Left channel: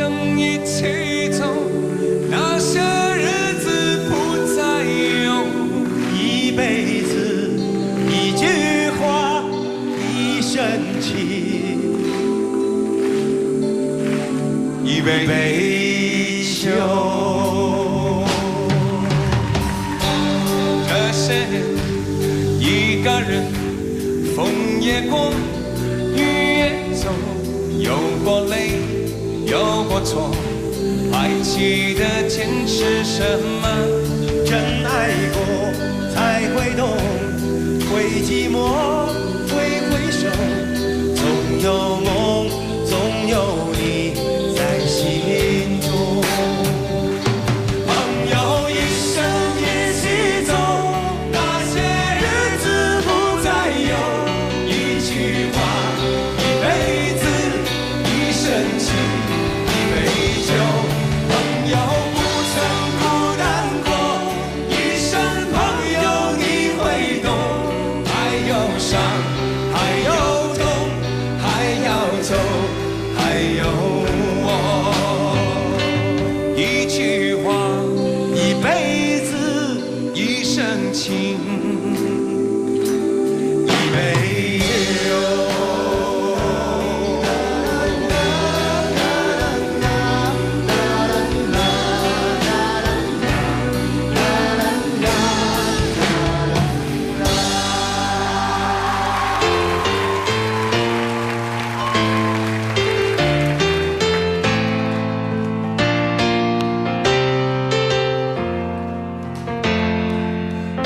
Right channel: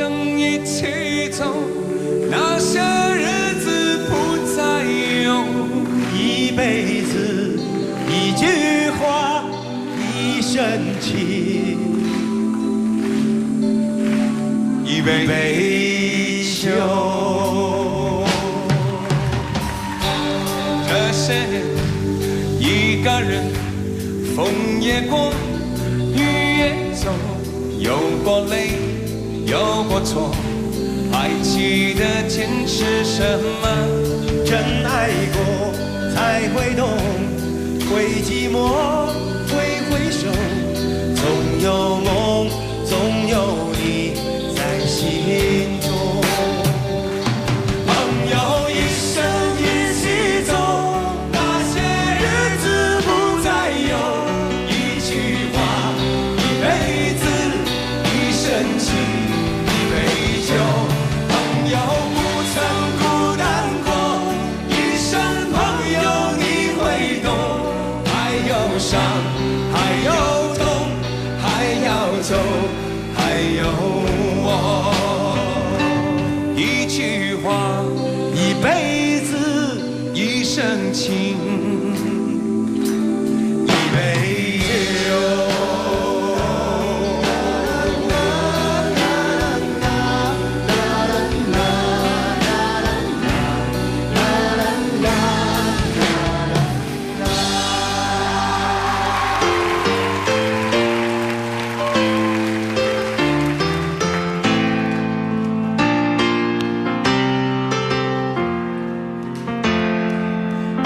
生一起走，那些日子不再有。一辈子一句话，一生情，一杯酒。这些年，一个人，风也过，雨也走，有过泪，有过错，还记得坚持什么？真爱过才会懂，会寂寞，会回首，总有梦，总有你在心中。朋友一生一起走，那些日子不再有。一句话，一辈子，一生情，一杯酒。朋友不曾孤单过，一生朋友你会懂。还有伤，还有痛，还要走，还有我。一句话，一辈子，一生情。一杯酒。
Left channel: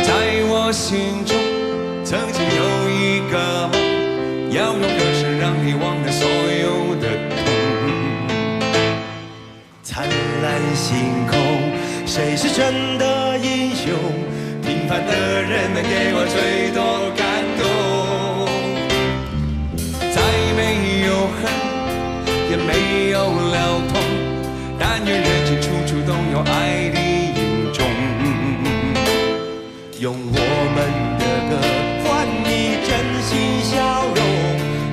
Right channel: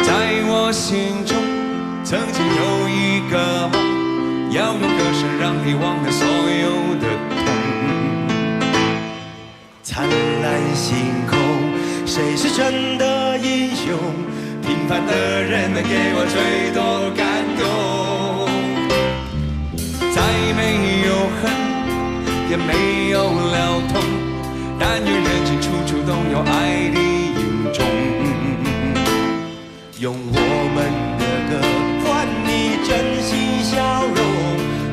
在我心中，曾经有一个梦，要用歌声让你忘了所有的痛。灿烂星空，谁是真的英雄？平凡的人们给我最多感动。再没有恨，也没有了痛，但愿人间处处都有爱的影踪。用我们的歌换你真心笑容，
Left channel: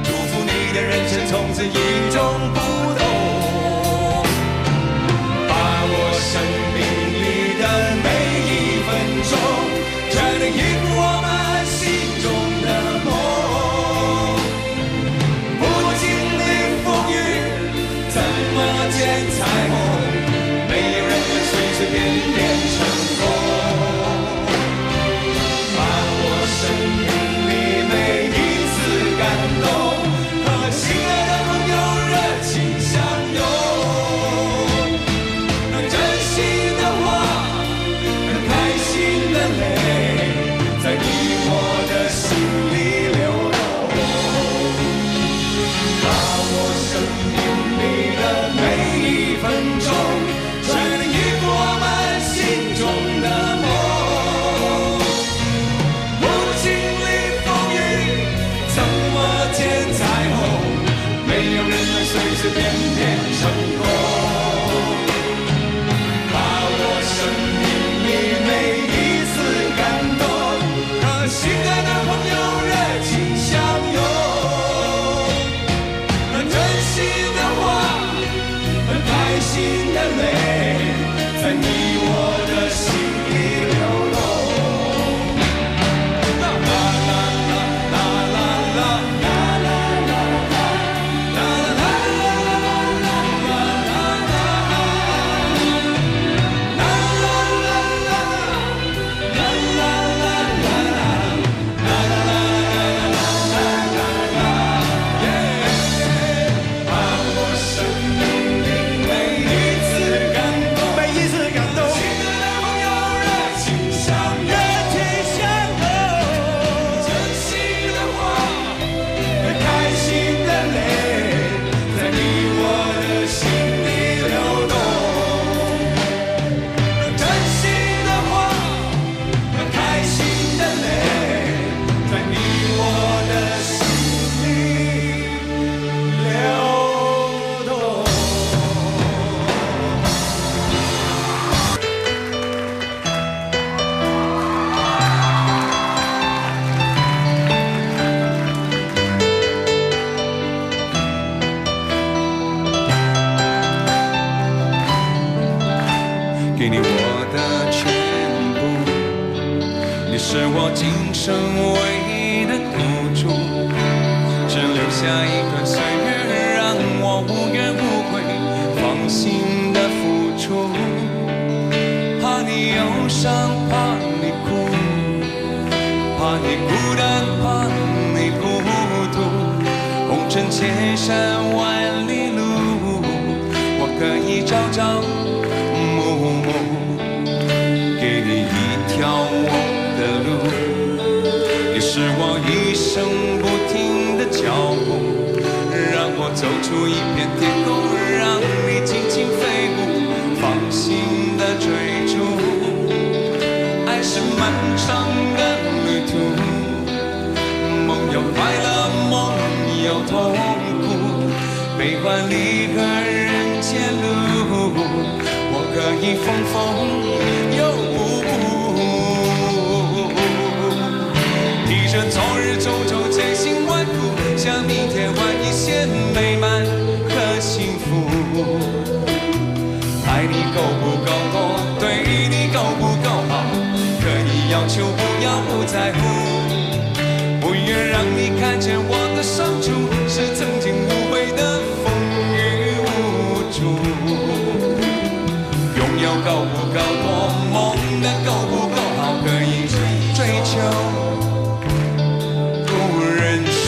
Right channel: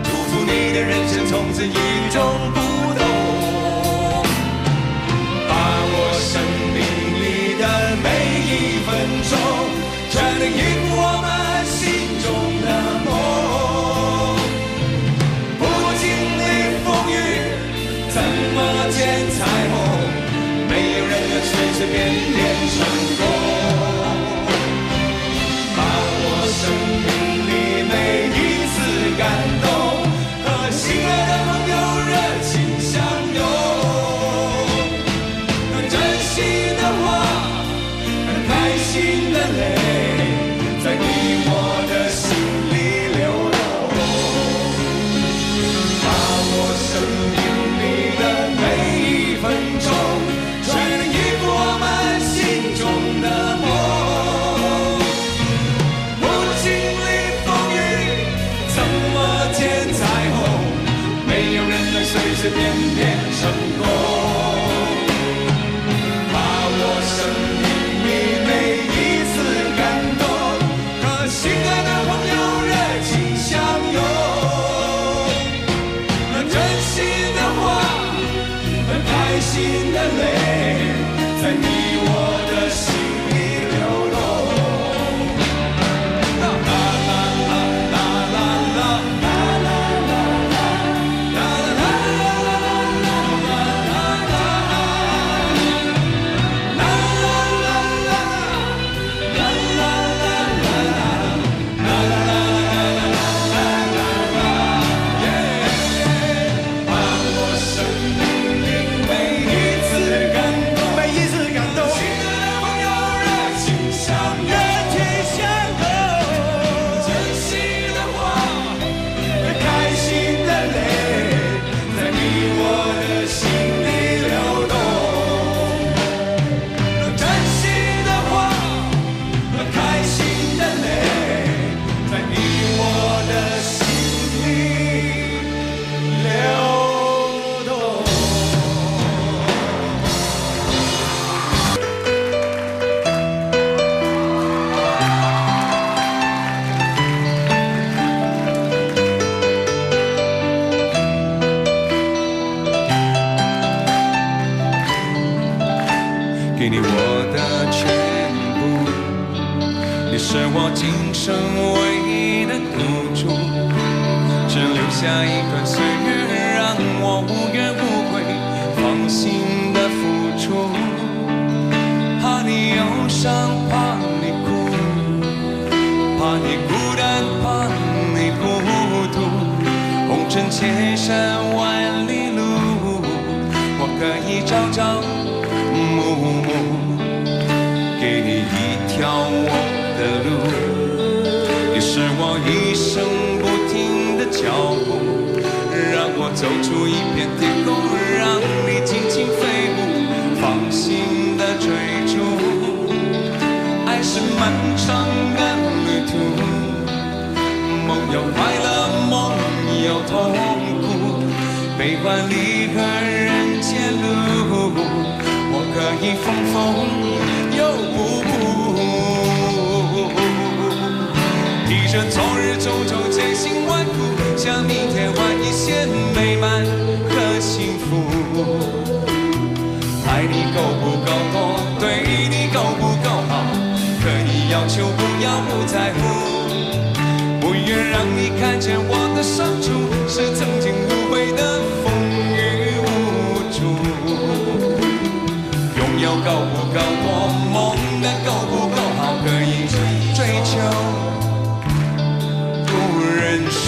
祝福你的人生从此与众不同。把我生命里的每一分钟，全能应我们心中的梦。不经历风雨，怎么见彩虹？没有人能随随便便成功。生命里每一次感动，和心爱的朋友热情相拥。真心的话，开心的泪，在你我的心里流动。把我生命里的每一分钟，全能应付我们心中的梦。随随便便成功，把我生命里每一次感动，和心爱的朋友热情相拥。那真心的话，开心的泪，在你我的心里流动。给你我的全部，你是我今生唯一的赌注，只留下一段岁月，让我无怨无悔，放心的付出。怕你忧伤，怕你哭，怕你孤单，怕你孤独。红尘千山万里路，我可以朝朝暮暮，给你一条我的路。你是我一生不停的脚步，让我走出一片天空，让你尽情飞舞，放心的追逐。爱是漫长的旅途，梦有快乐，梦有痛苦，悲欢离合人间路，我可以风风又提着昨日种种千辛万苦，向明天换一些美满和幸福。爱你够不够多，对你够不够好，可以要求不要不在乎，不愿让你看见我的伤处，是曾经无悔的风雨无阻。拥有够不够多，梦的够不够好，可以追求不认输。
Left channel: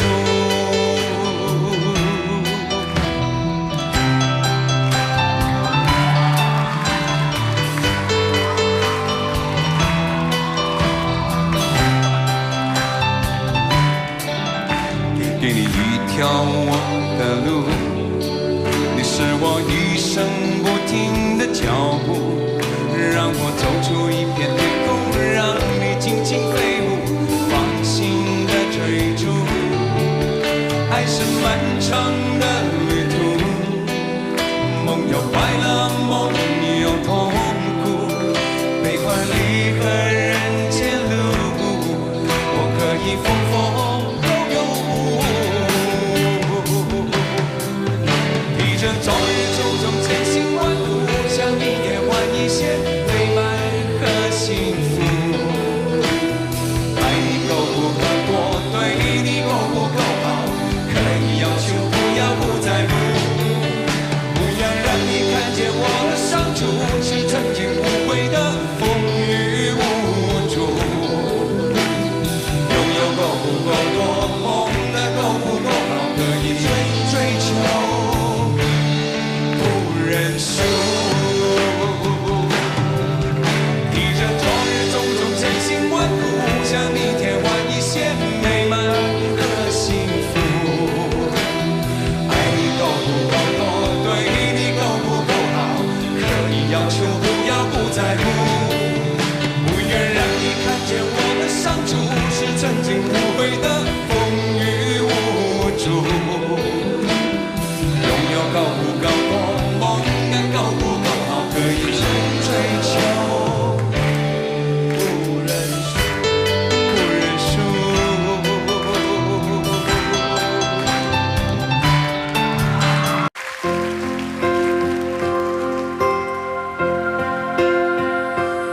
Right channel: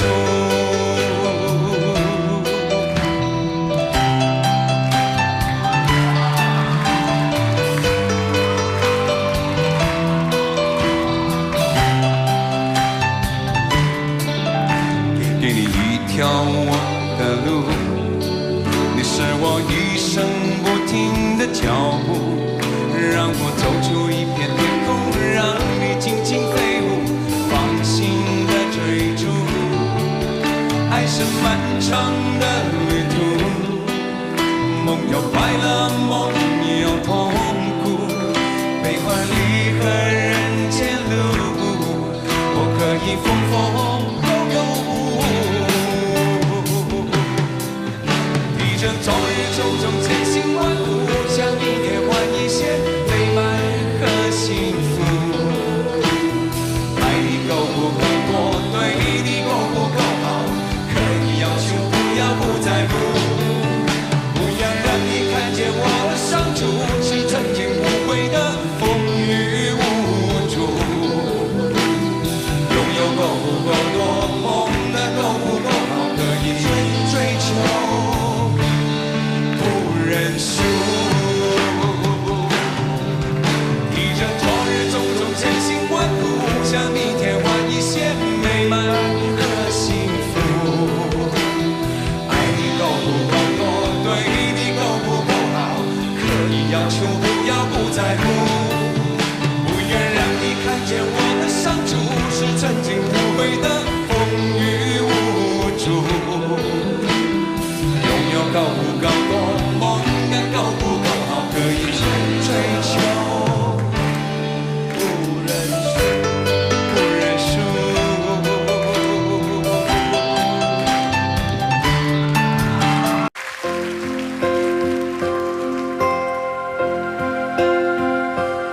给你一条我的路，你是我一生不停的脚步，让我走出一片天空，让你尽情飞舞，放心的追逐。爱是漫长的旅途，梦有快乐，梦有痛苦，悲欢离合人间路，我可以风风昨日种种千辛万苦，向明天换一些美满和幸福。爱你够不够多，对你够不够好，可以要求不要不在乎，不要让你看见我的伤处，是曾经无悔的风雨无阻。拥有够不够多，梦的够不够好，可以追求认输，提着昨日种种千辛万苦，向明天换一些美满和幸福。爱你够不够多，对你够不够好，可以要求不要不在乎，不愿让你看见我的伤处，是曾经无悔的风雨无阻。拥有够不够多，梦的够不够好，可以追求不认输，不认输。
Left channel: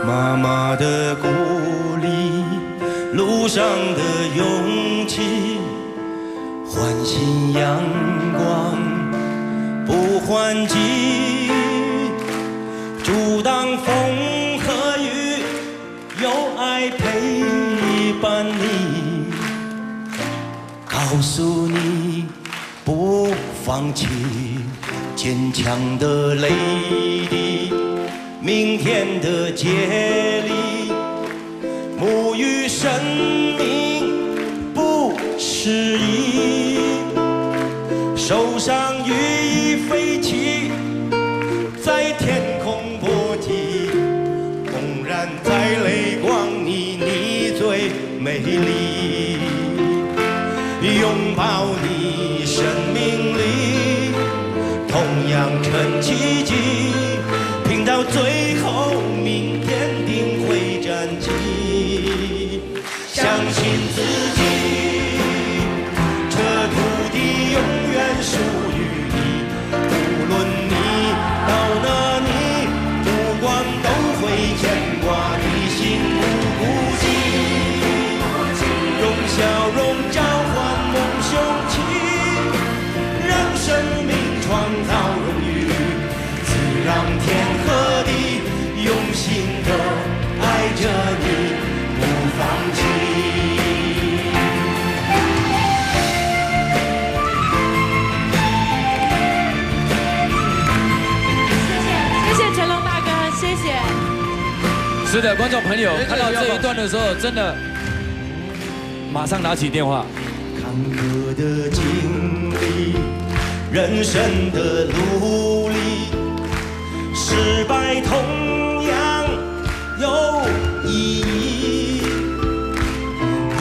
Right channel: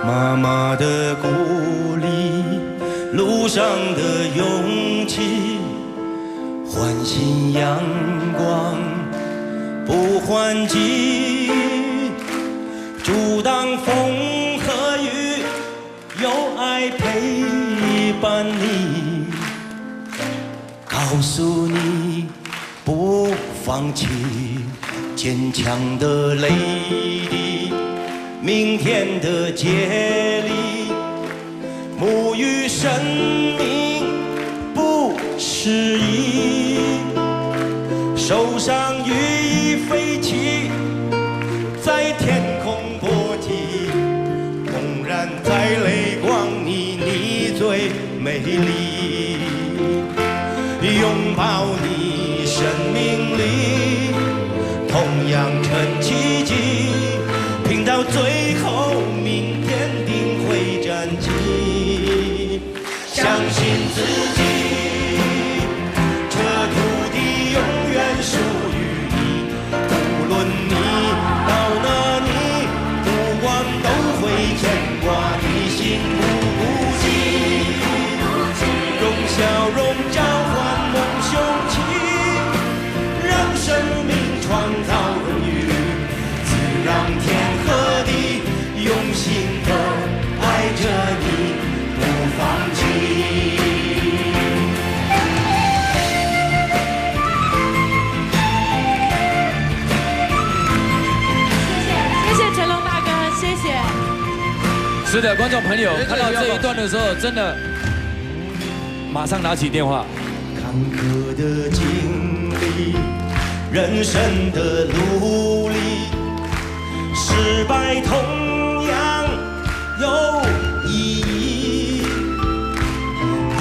妈妈的鼓励，路上的勇气，唤醒阳光不换季，阻挡风和雨，有爱陪伴你，告诉你不放弃，坚强的泪滴，明天的接力，沐浴生命不失意，手上羽翼飞起，在天空搏击，纵然在泪光里，你最美丽，拥抱你生命里同样成奇迹，拼到最后明天定会站起，相信自己，这土地永远属于你，无论你到哪里，不管都是的，观众朋友看到这一段的时候，真的马上拿起电话。坎坷的经历，人生的努力，失败同样有意义，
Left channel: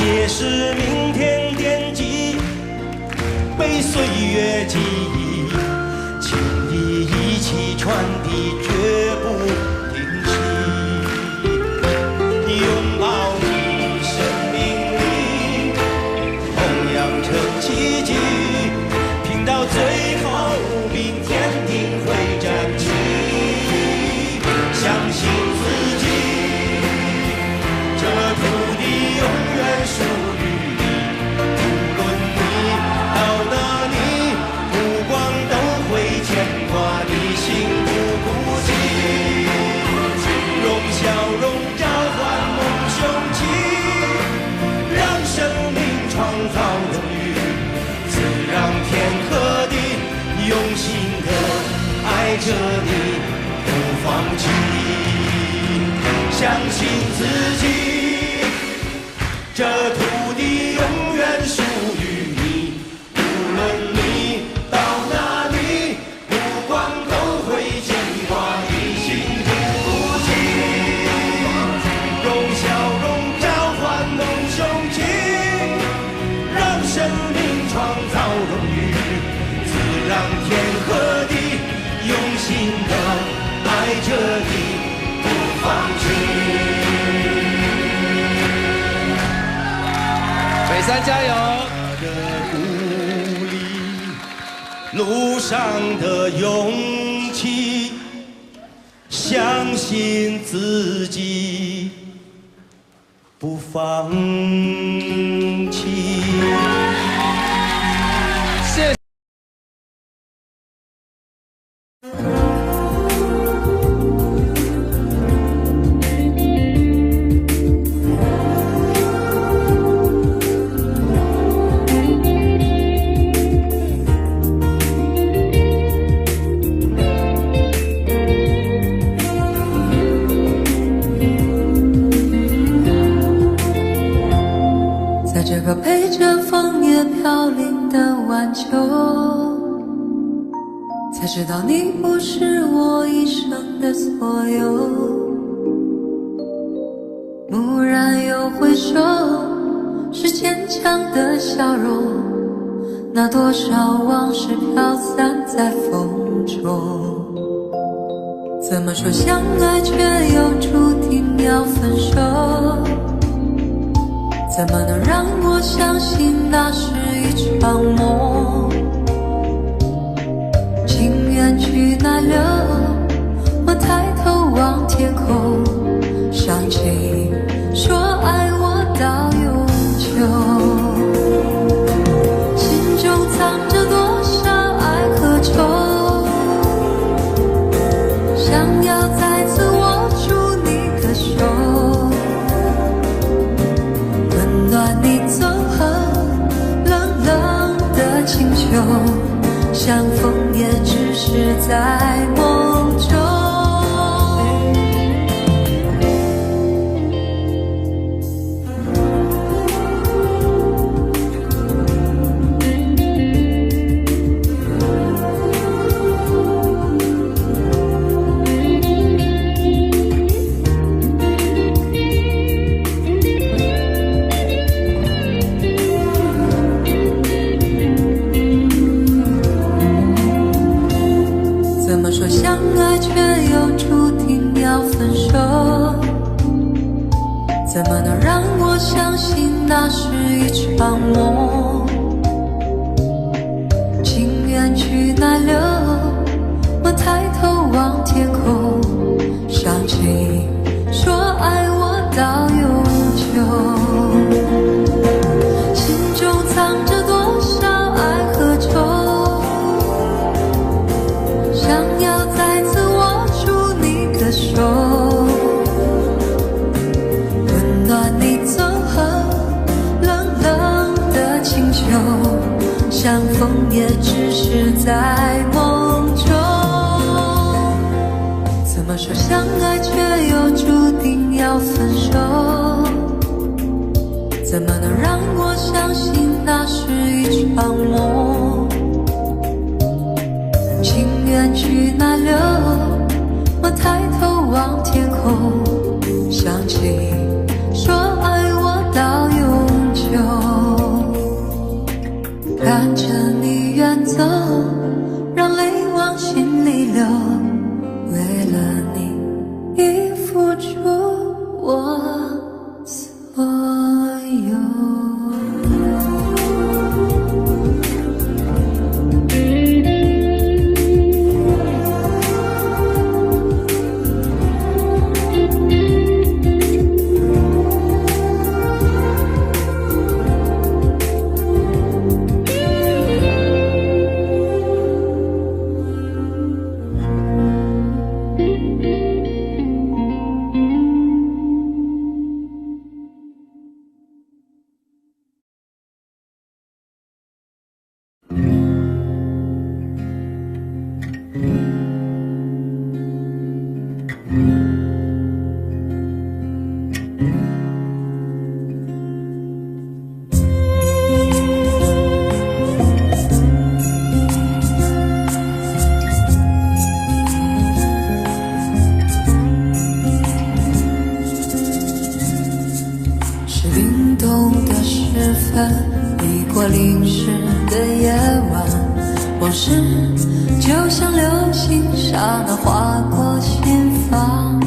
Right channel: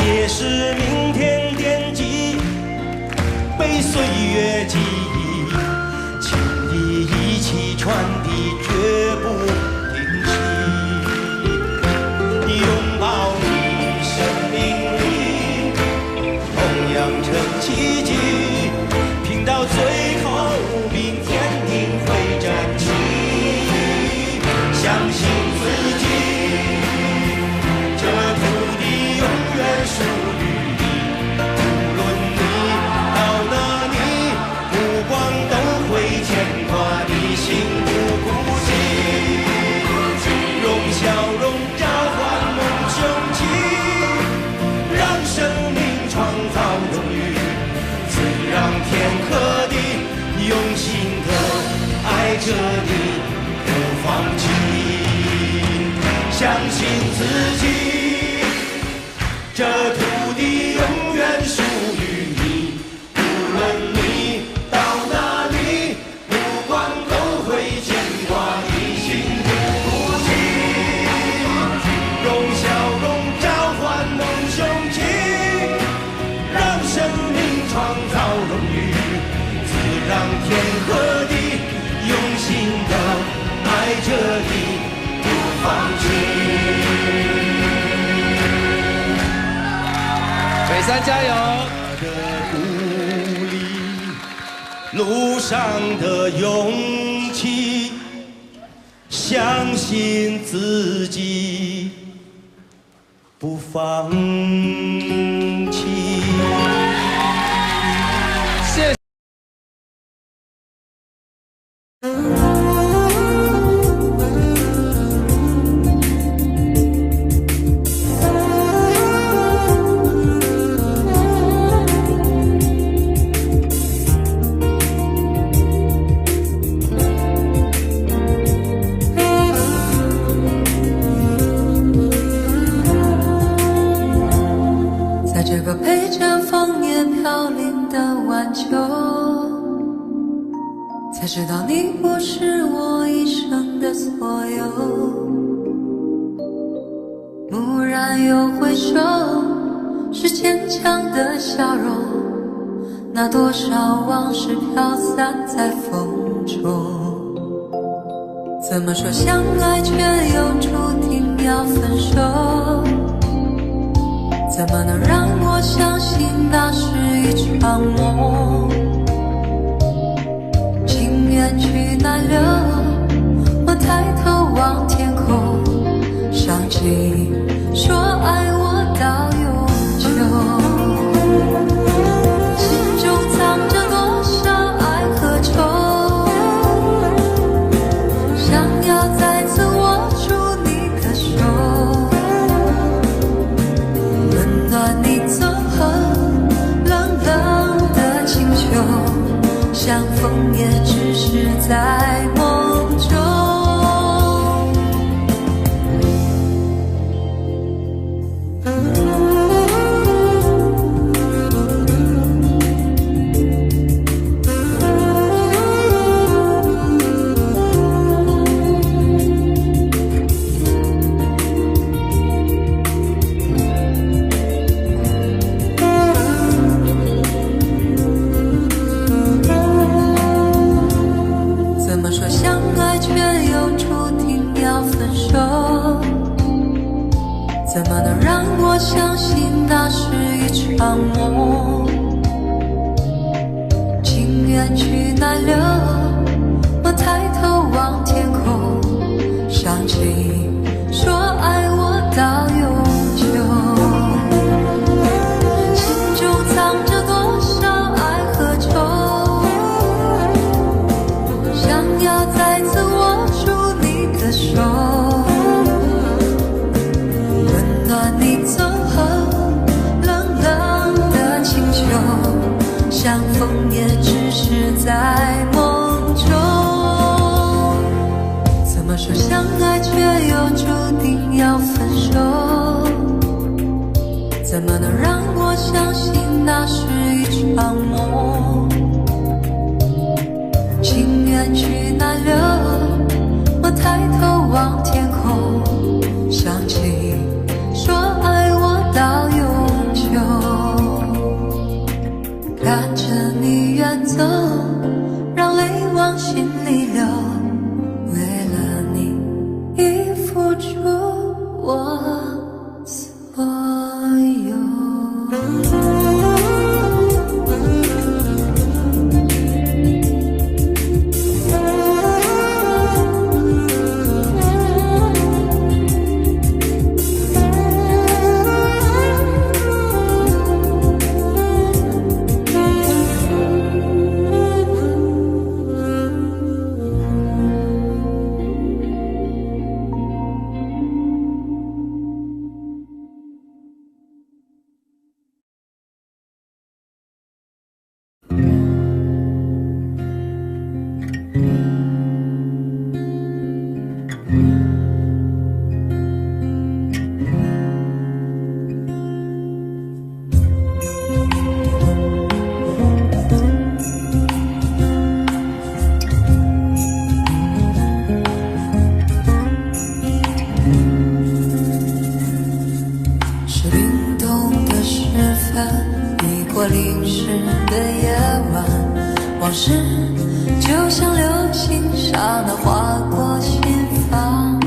也是明天惦记，被岁月记忆，情谊一起传递，绝不停息。拥抱你生命里同样成奇迹，拼到最后，明天定会站起。相信自己，这土地永远属于你。无论你到哪里，目光都会牵挂你，心不孤寂。用笑容召唤梦雄起，让生命创造荣誉，自让天和地用心的爱着你，不放弃。相信自己，这土地永远属于你。无论你到哪里，目光都会牵挂你，心不孤寂。用笑容召唤梦雄起，让生命创造荣誉，自让天和地用心的爱着你，不放弃。北山加油！的鼓励，路上的勇气，相信自己，不放弃。谢谢。在这个陪着枫叶飘零的晚秋，才知道你不是我一生的所有。蓦然又回首，是坚强的笑容，那多少往事飘散在风中。怎么说相爱却又注定要分手？怎么能让我相信那是一场梦？情缘去哪流？我抬头望天空，想起说爱我到永久。心中藏着多少爱和愁，想要再次握住你的手，温暖你走后冷冷的清秋，相逢也只是在梦中。怎么说相爱却又注定要分手？怎么能让我相信那是一场梦？情缘去哪流？我抬头望天空，想起说爱我到永久。心中藏着多少爱和愁，想要再次握住你的手，温暖你走后冷冷的清秋，相逢也只是在梦中。怎么说相爱却又注定要分手？怎么能让我相信那是一场梦？情缘去哪了？我抬头望天空，想起说爱我到永久。看着你远走，让泪往心里流，为了你已付出我所有。是凛冬的时分，避过淋湿的夜晚，往事就像流星刹那划过心房。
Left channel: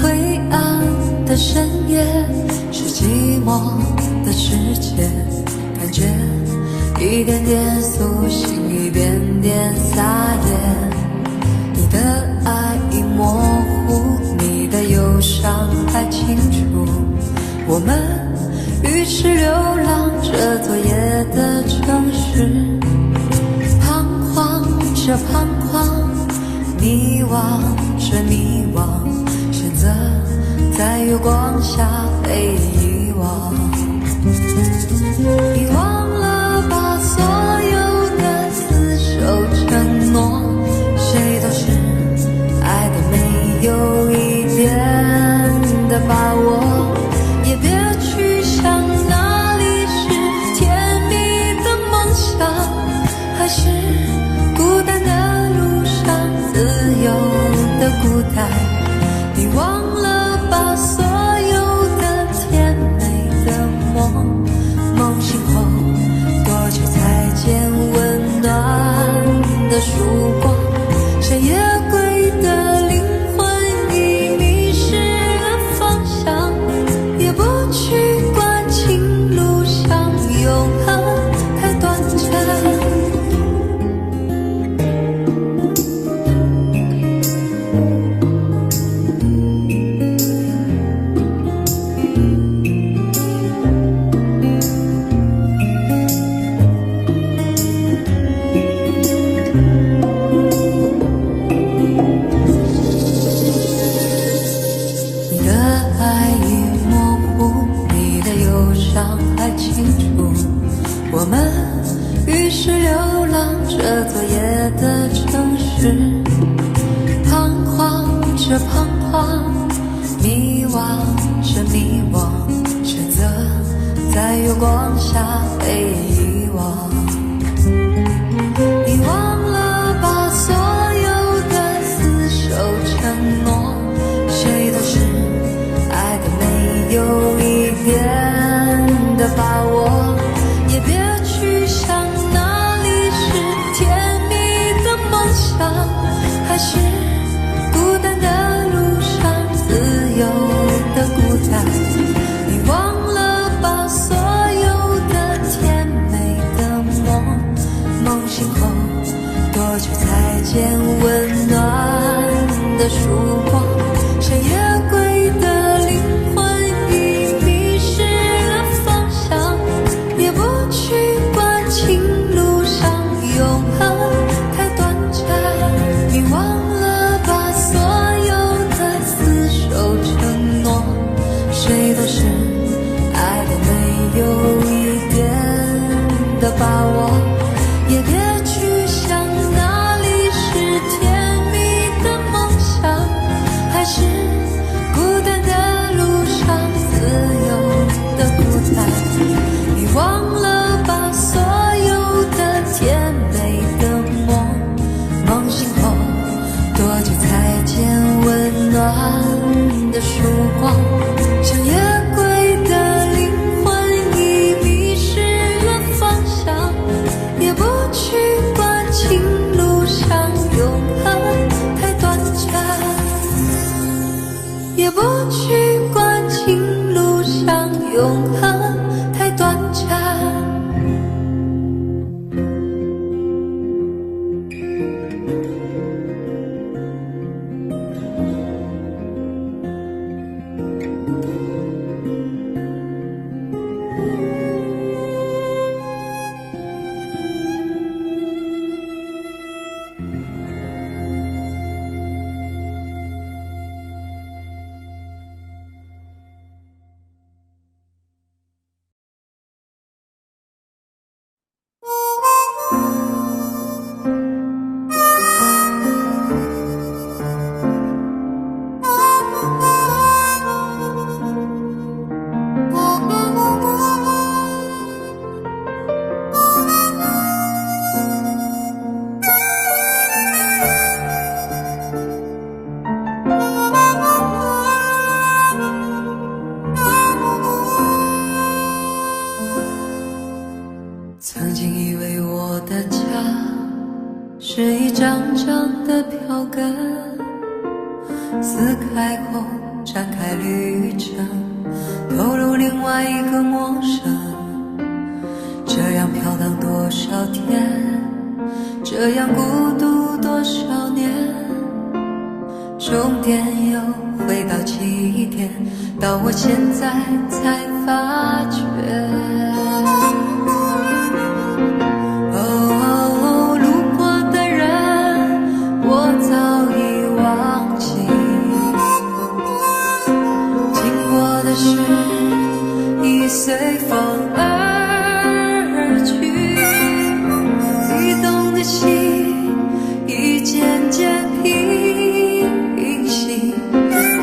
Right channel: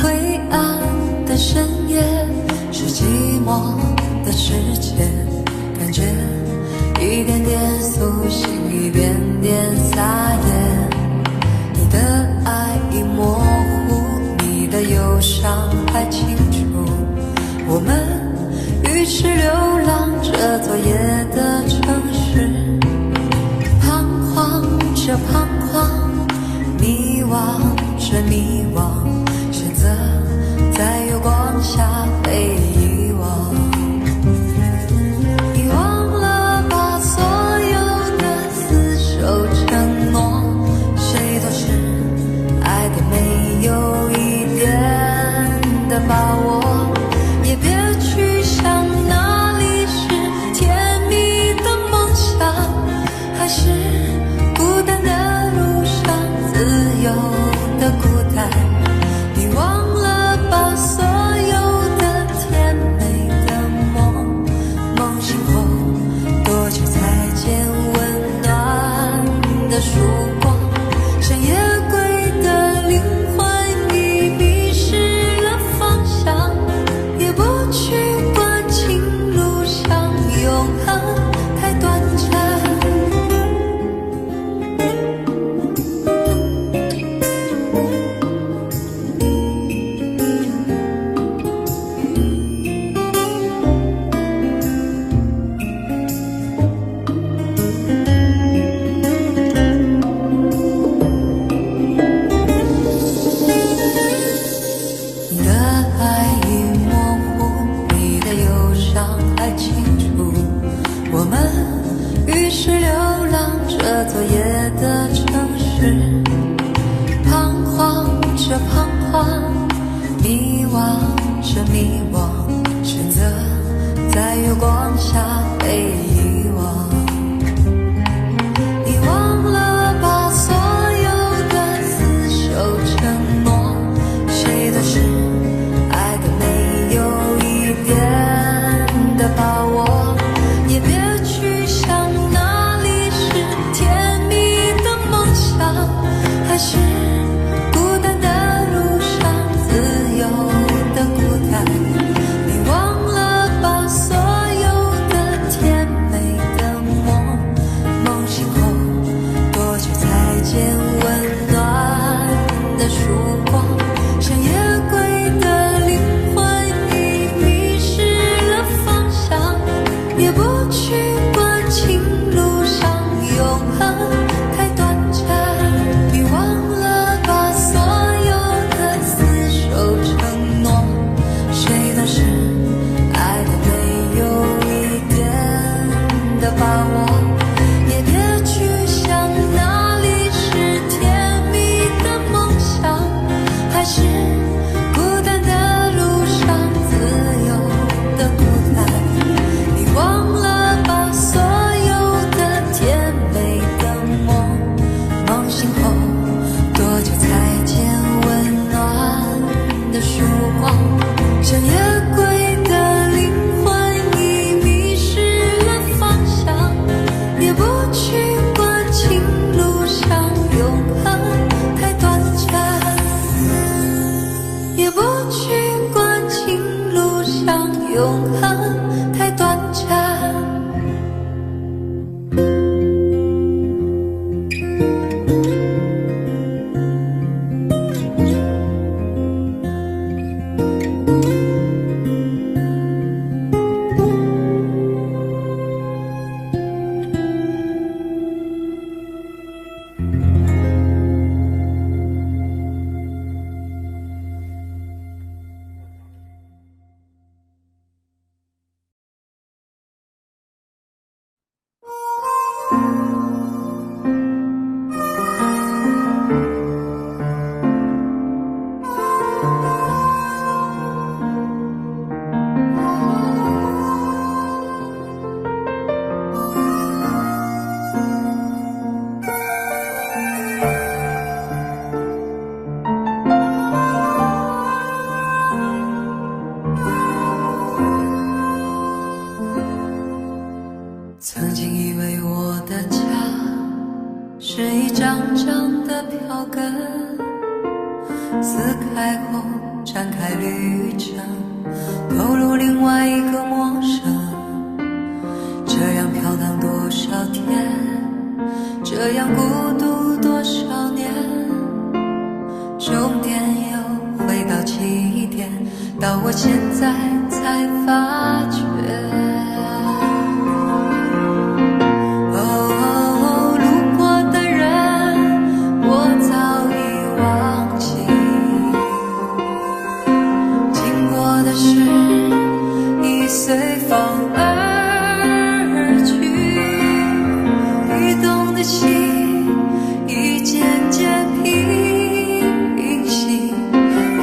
灰暗的深夜是寂寞的世界，感觉一点点苏醒，一点点撒野。你的爱已模糊，你的忧伤还清楚。我们于是流浪这昨夜的城市，彷徨着彷徨，迷惘着迷惘，选择在月光下被遗忘。你忘了把所有的厮守承诺，谁都是爱的没有一点的把握，也别去想哪里是甜蜜的梦想，还是孤单的路上自由的孤单。你忘了把所有的甜美的梦醒后，多久才见温暖的曙光？山野归的灵魂已迷失了方向，也不去管情路上永恒太短暂。你的爱已模糊，你的忧伤还清楚。我们于是流浪这昨夜的城市，彷徨着彷徨，迷惘着迷惘，选择在月光下被遗忘。你忘了把所有的厮守承诺，谁都是爱的没有一点的把握，也别去想哪里是甜蜜的梦想，还是孤单的路上自由的孤单。你忘了把所有的甜美的梦醒后，多久才见温暖的曙光？山野归的灵魂已迷失了方向，也不去管情路上永恒太短暂。你忘了把所有的厮守承诺，谁都是爱的没有一点的把握，也别去想哪里是甜蜜的梦想，还是孤单的路上自由的孤单。你忘了把所有的甜美的梦梦醒后，多久才见温暖的曙光？像夜归的灵魂已迷失了方向，也不去管情路上永恒太短暂，也不去管情路上永恒太短暂。曾经以为我的家是一张张的票根，撕开后展开旅程，投入另外一个陌生。这样飘荡多少天，这样孤独多少年，终点又回到起点，到我现在才发觉。哦，路过的人我早已忘记，经过的事已随风而去，移动的心已渐渐平息，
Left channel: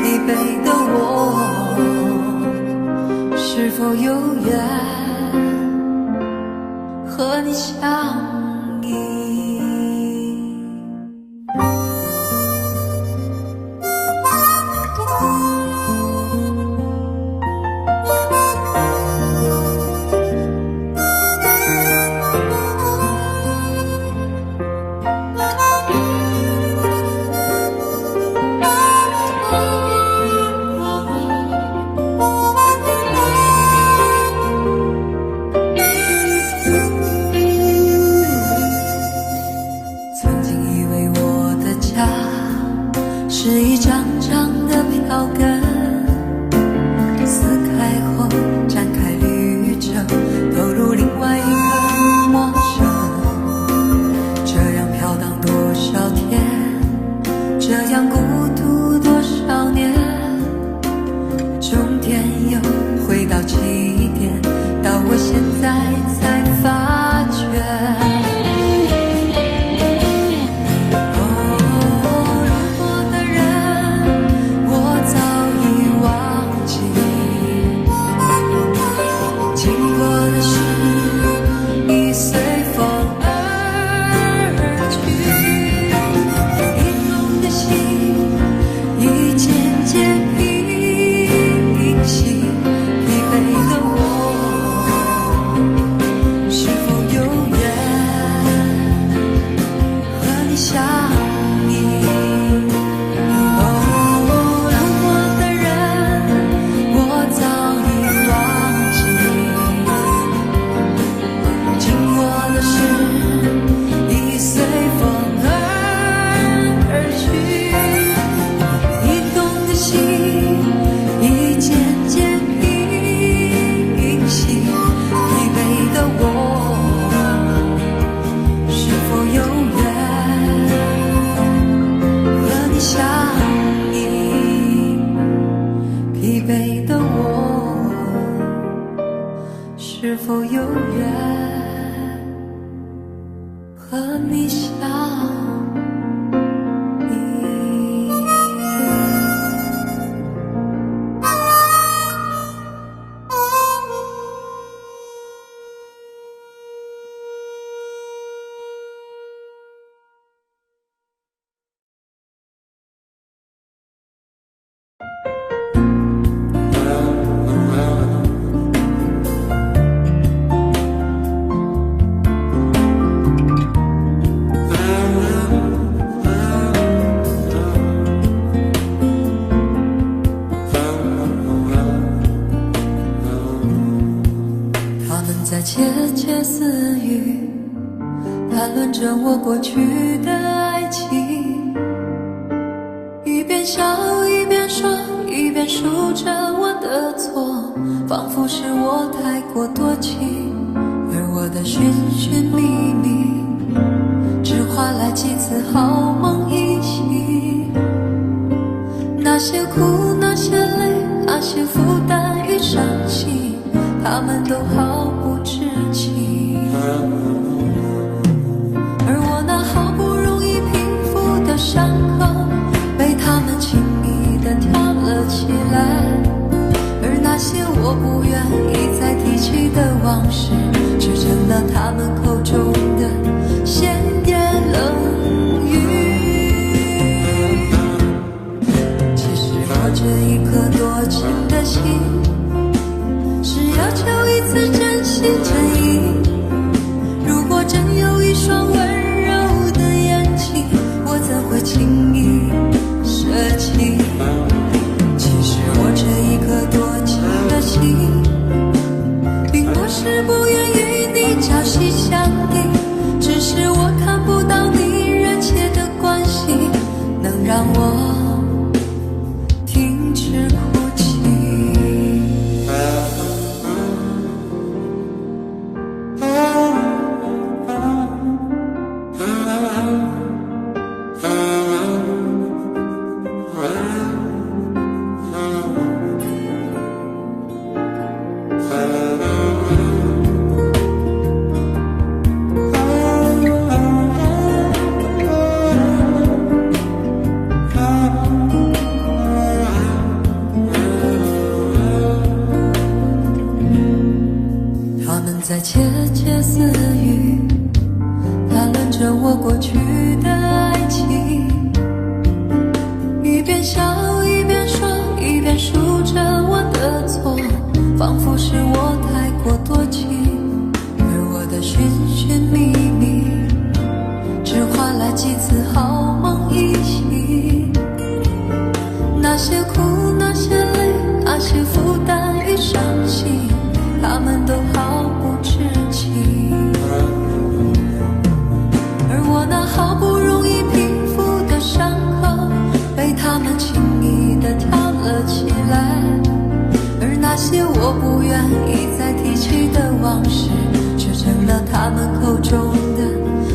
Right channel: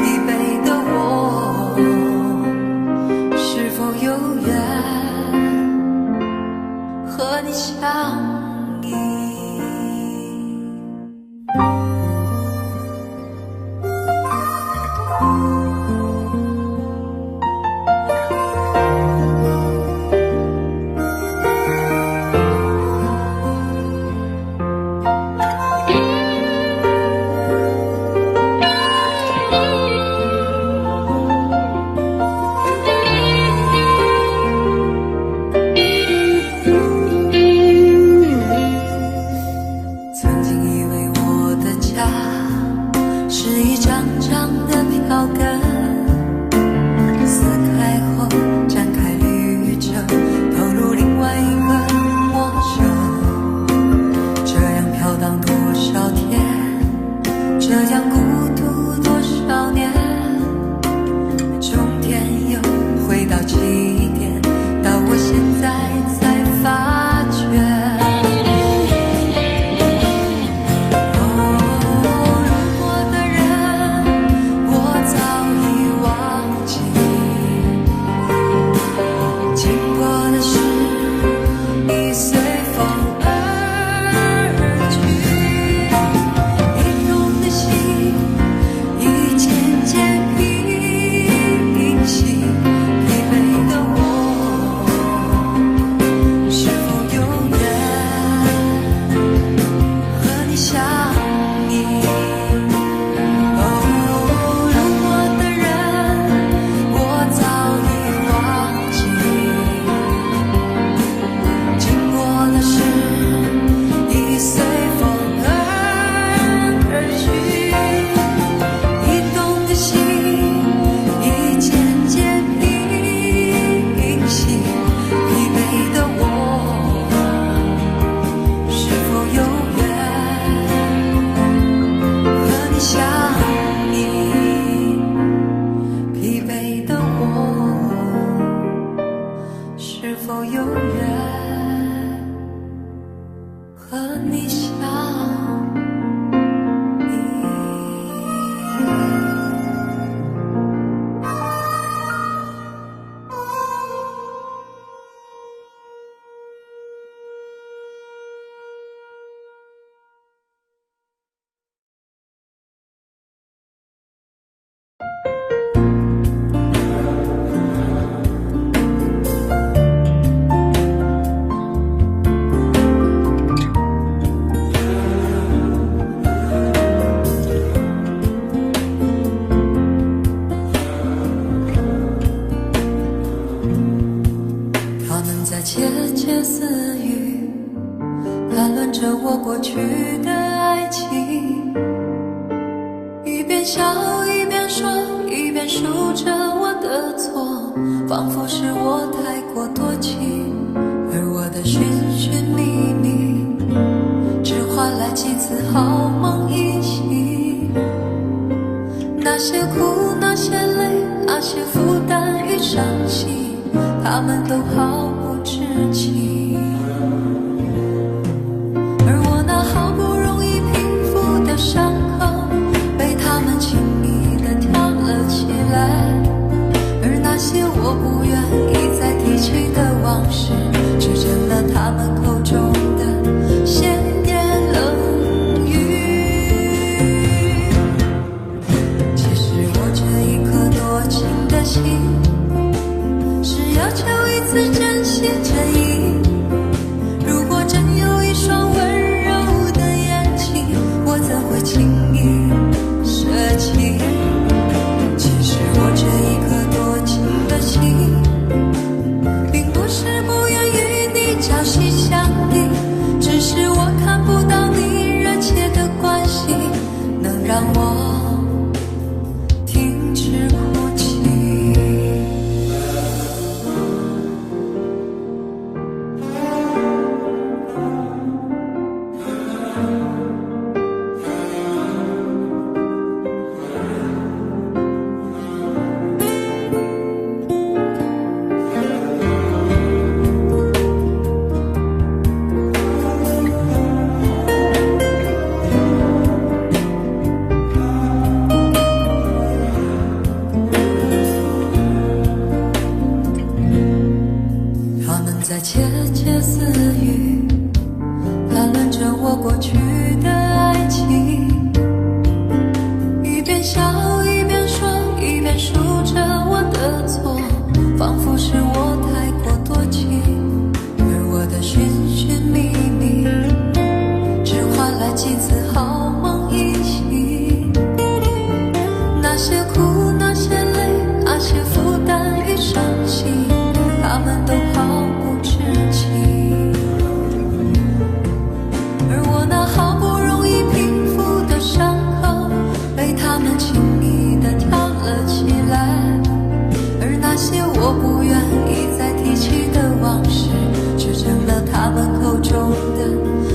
疲惫的我是否有缘和你相依？我的家是一张张的票根，撕开后展开旅程，投入另外一个陌生。这样飘荡多少天，这样孤独多少年，终点又回到起点，到我现在才发觉。我早已忘记，经过的事已随风而去，移动的心已渐渐平息，疲惫的我是否有缘和你相依？哦，路过的人我早已忘记，经过的事已随风而去，移动的心已渐渐平息，疲惫的我是否有缘和你相依？疲惫的我是否有缘和你相依。他们在窃窃私语，谈论着我过去的爱情，一边笑一边说，一边数着我的错，仿佛是我太过多情，而我的寻寻觅觅，只换来几次好梦一袭。那些苦，那些累，那些负担与伤心，他们都毫不知情。而我那好不容易平复的伤口，被他们轻易地挑了起来。而那些我不愿意再提起的往事，却成了他们口中的闲言冷语。其实我这一颗多情的心，是要求一次真心真意。如果真有一双温柔的眼睛，我怎会轻易舍弃？其实我这一颗多情的心，并不是不愿与你朝夕相依，只是我看不到你热切的关心，能让我停止哭泣。他们在窃窃私语，谈论着我过去的爱情，一边笑一边说，一边数着我的错，仿佛是我太过多情，而我的寻寻觅觅，只换来几次好梦一袭。那些苦，那些累，那些负担与伤心，他们都毫不知情。而我那好不容易平复的伤口，被他们轻易地挑了起来。而那些我不愿意再提起的往事，却成了他们口中的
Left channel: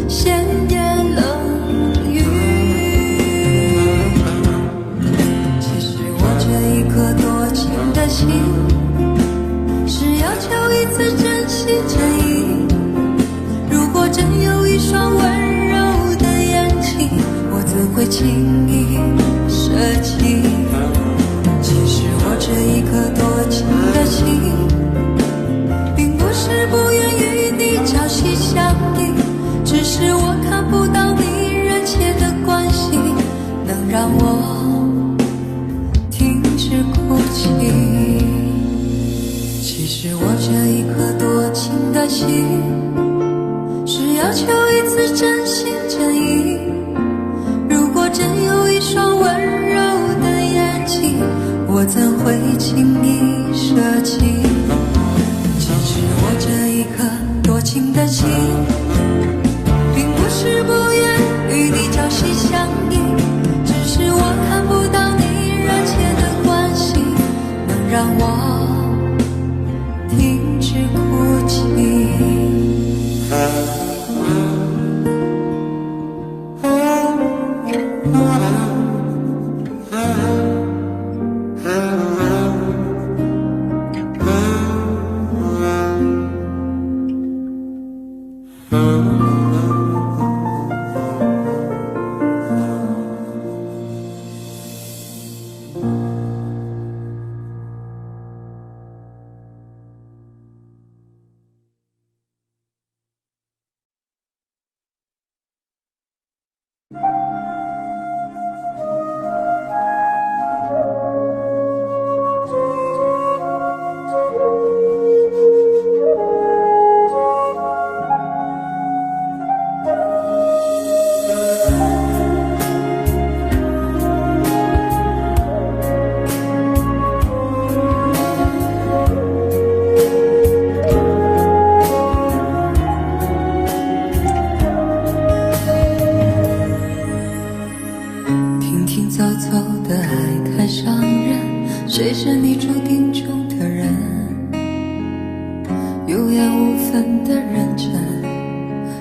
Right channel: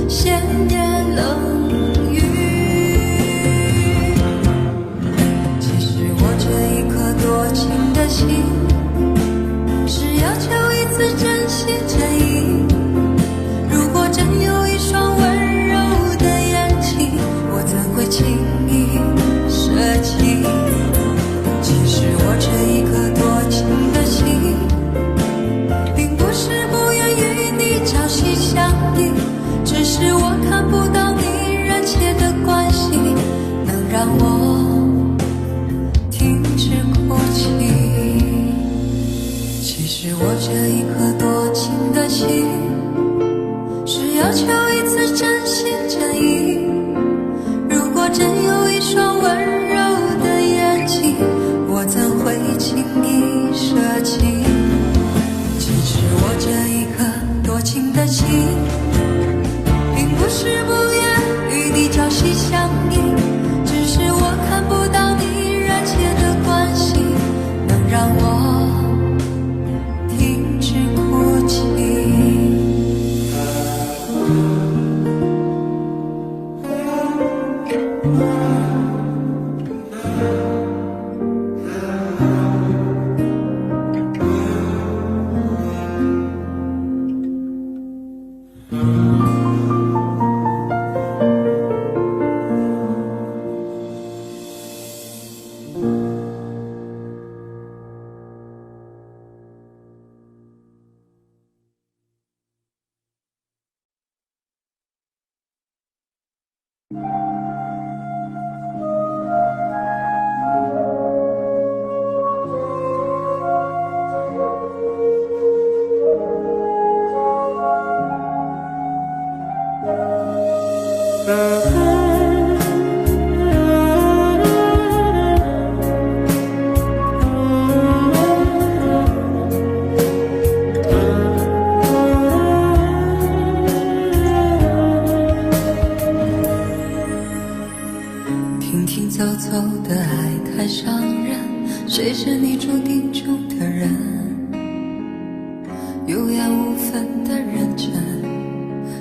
闲言冷语。其实我这一颗多情的心，是要求一次真心真意。如果真有一双温柔的眼睛，我怎会轻易舍弃？其实我这一颗多情的心，并不是不愿与你朝夕相依，只是我看不到你热切的关心，能让我停止哭泣。其实我这一颗多情的心，是要求一次真心真意。如果真有一双温柔的眼睛，我怎会轻易舍弃？其实我这一颗多情的心，并不是不愿与你朝夕相依，只是我看不到你热切的关心，能让我停止哭泣。停停走走的爱太伤人，谁是你注定中的人？有缘无分的认真，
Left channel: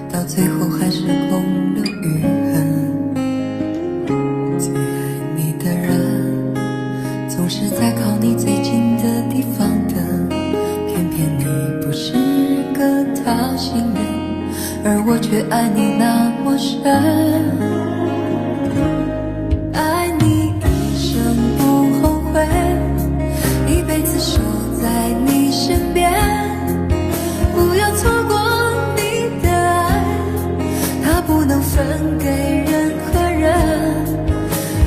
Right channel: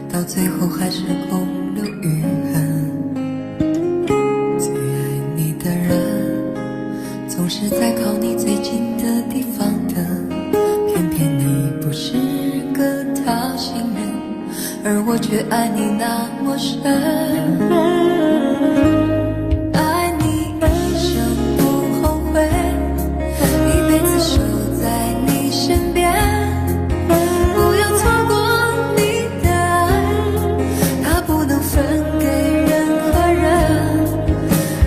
到最后还是空留余恨。最爱你的人，总是在靠你最近的地方的，偏偏你不是个讨心人，而我却爱你那么深。爱你一生不后悔，一辈子守在你身边，不要错过你的爱，它不能分给任何人。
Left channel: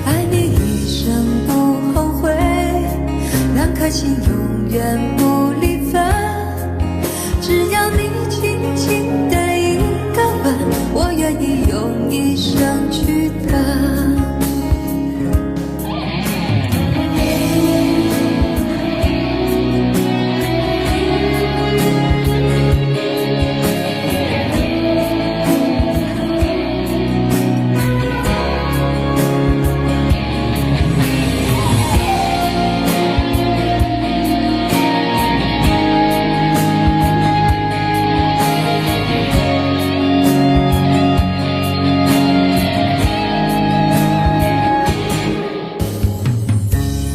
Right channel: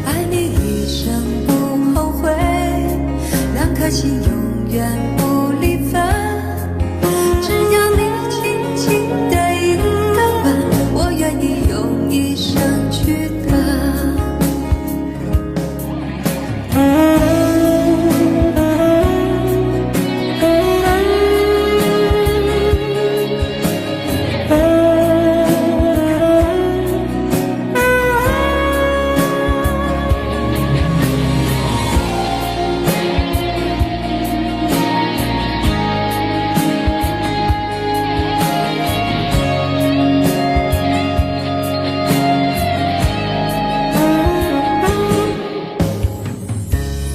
爱你一生不后悔，两颗心永远不离分，只要你轻轻的一个吻，我愿意用一生去等。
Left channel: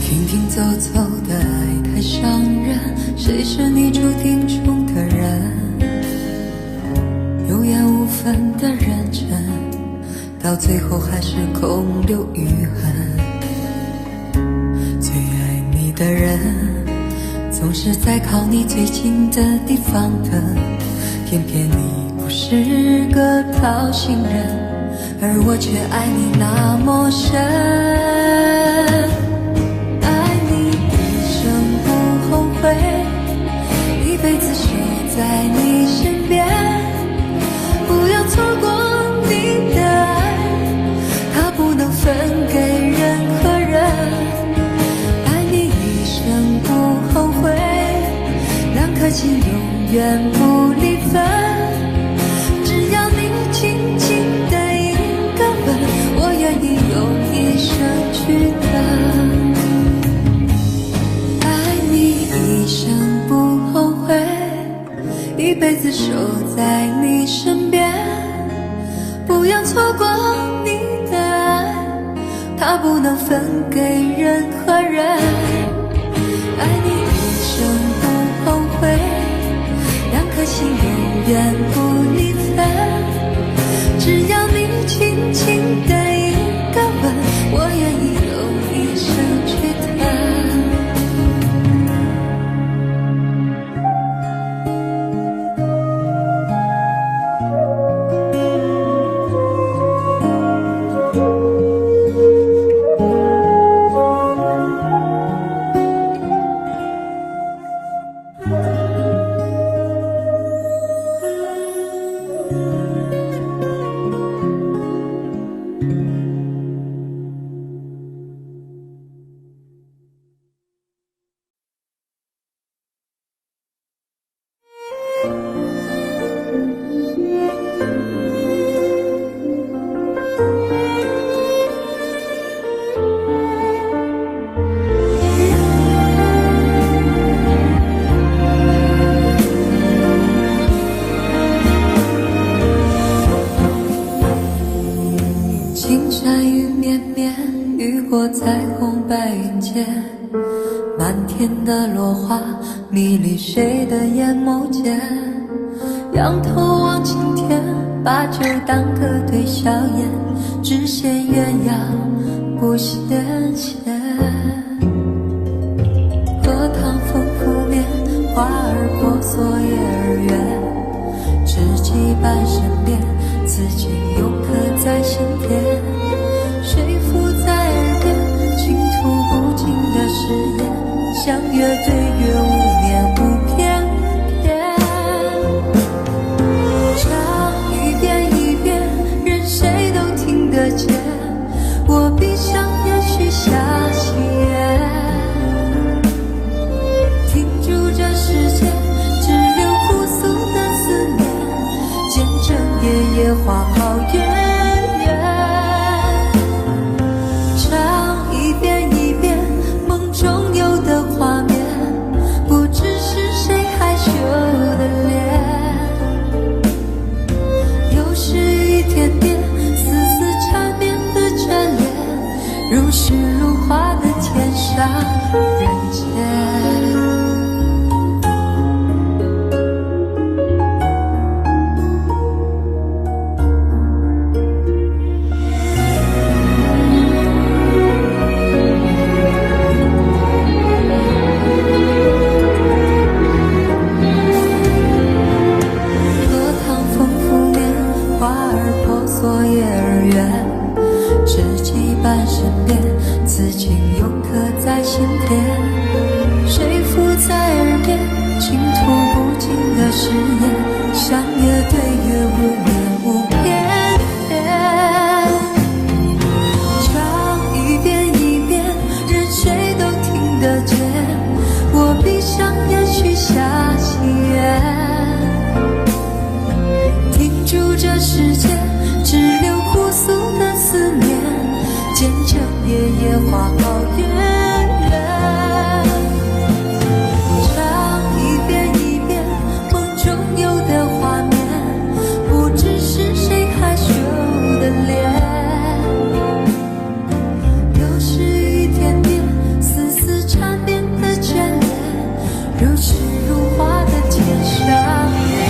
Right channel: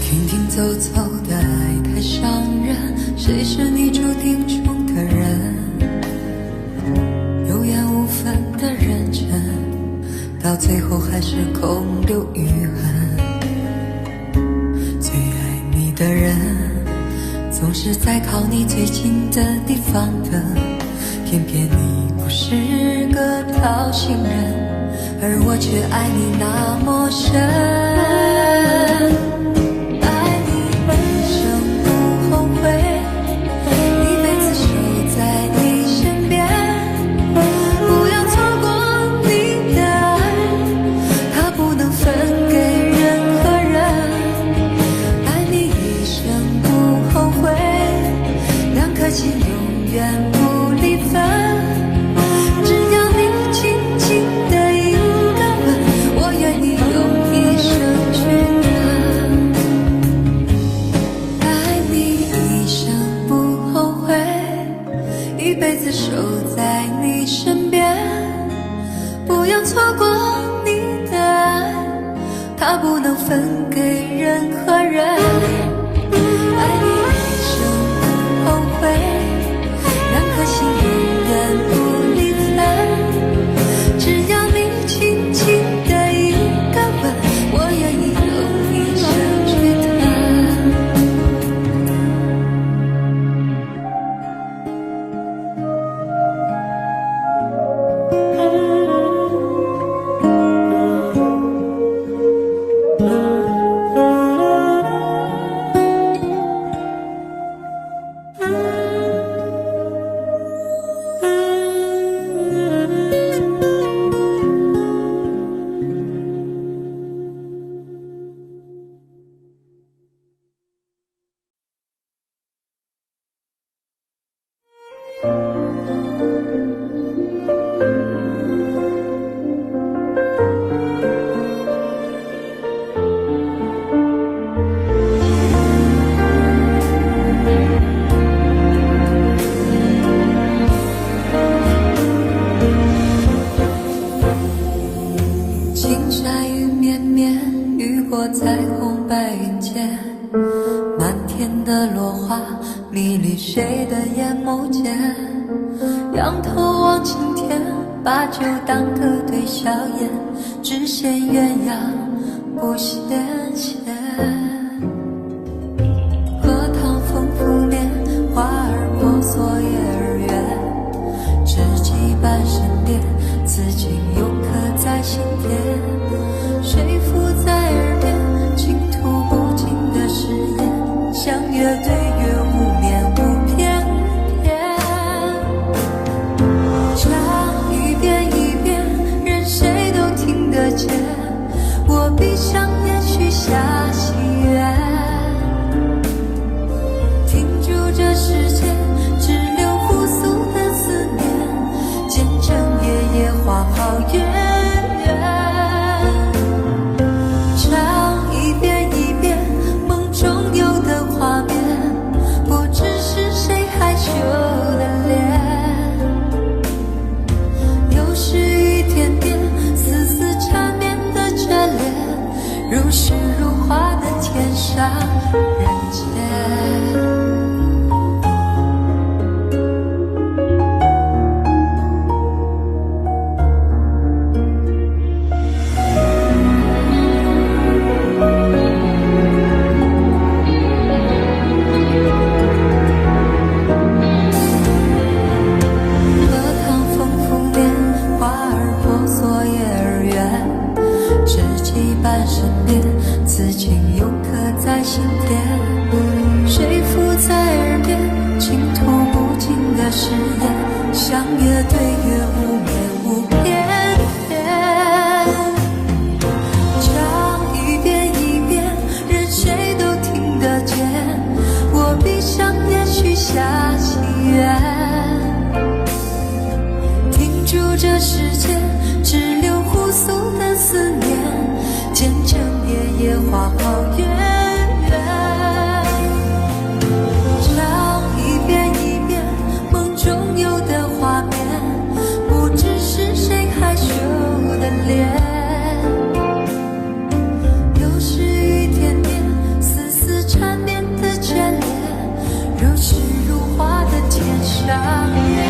停停走走的爱太伤人，谁是你注定中的人？有缘无分的认真，到最后还是空留余恨。最爱你的人，总是在靠你最近的地方的，偏偏你不是个讨心人，而我却爱你那么深。一生不后悔，一辈子守在你身边，不要错过你的爱，它不能分给任何人。爱你一生不后悔，两颗心永远不离分，只要你轻轻的一个吻，我愿意用一生去等。一生不后悔，一辈子守在你身边，不要错过你的爱，它不能分给任何人。爱你一生不后悔，两颗心永远不离分，只要你轻轻的一个吻，我愿意用一生去等。青山雨绵绵，雨过彩虹白云间，漫天的落花迷离谁的眼眸间。仰头望青天，把酒当歌对笑颜，只羡鸳鸯不羡仙。荷塘风拂面，花儿婆娑叶儿圆，知己伴身边，此情永刻在心田。谁附在耳边，倾吐不尽的誓言，相约对月无眠无偏偏。唱一遍一遍，任谁都听得见。我闭上眼许下心愿，停住这世界只留互诉的思念，见证夜夜花好月圆。唱一遍一遍梦中有的画面，不知是谁害羞的脸。又是一点点丝丝缠绵的眷恋，如诗如画的天上人间。花儿婆娑叶儿圆，知己伴身边，此情永刻在心田。谁附在耳边，倾吐不尽的誓言，相约对月无眠无偏偏。唱一遍一遍，任谁都听得见。我闭上眼许下心愿，停住这世界只留互诉的思念，见证夜夜花好月圆。唱一遍一遍梦中有的画面，不知是谁害羞的脸。又是一点点丝丝缠绵的眷恋，如诗如画的天上人间。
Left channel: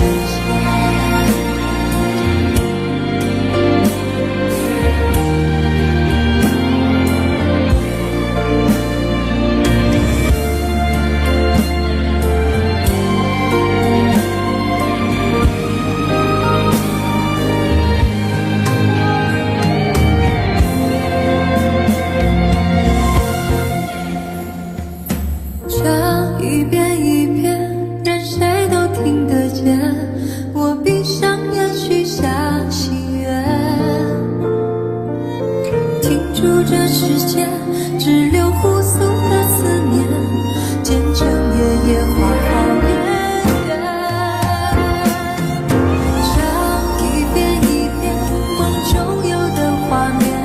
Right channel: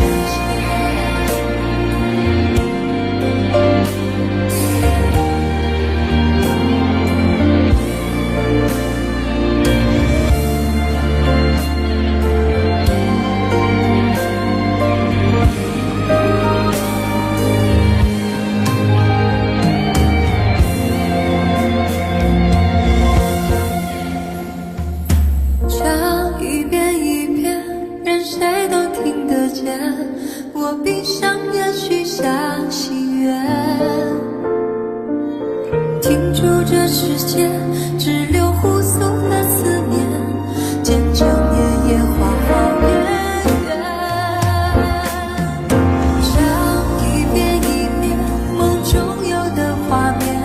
唱一遍一遍，任谁都听得见。我闭上眼许下心愿，停住这世界只留互诉的思念，见证夜夜花好月圆。唱一遍一遍梦中有的画面，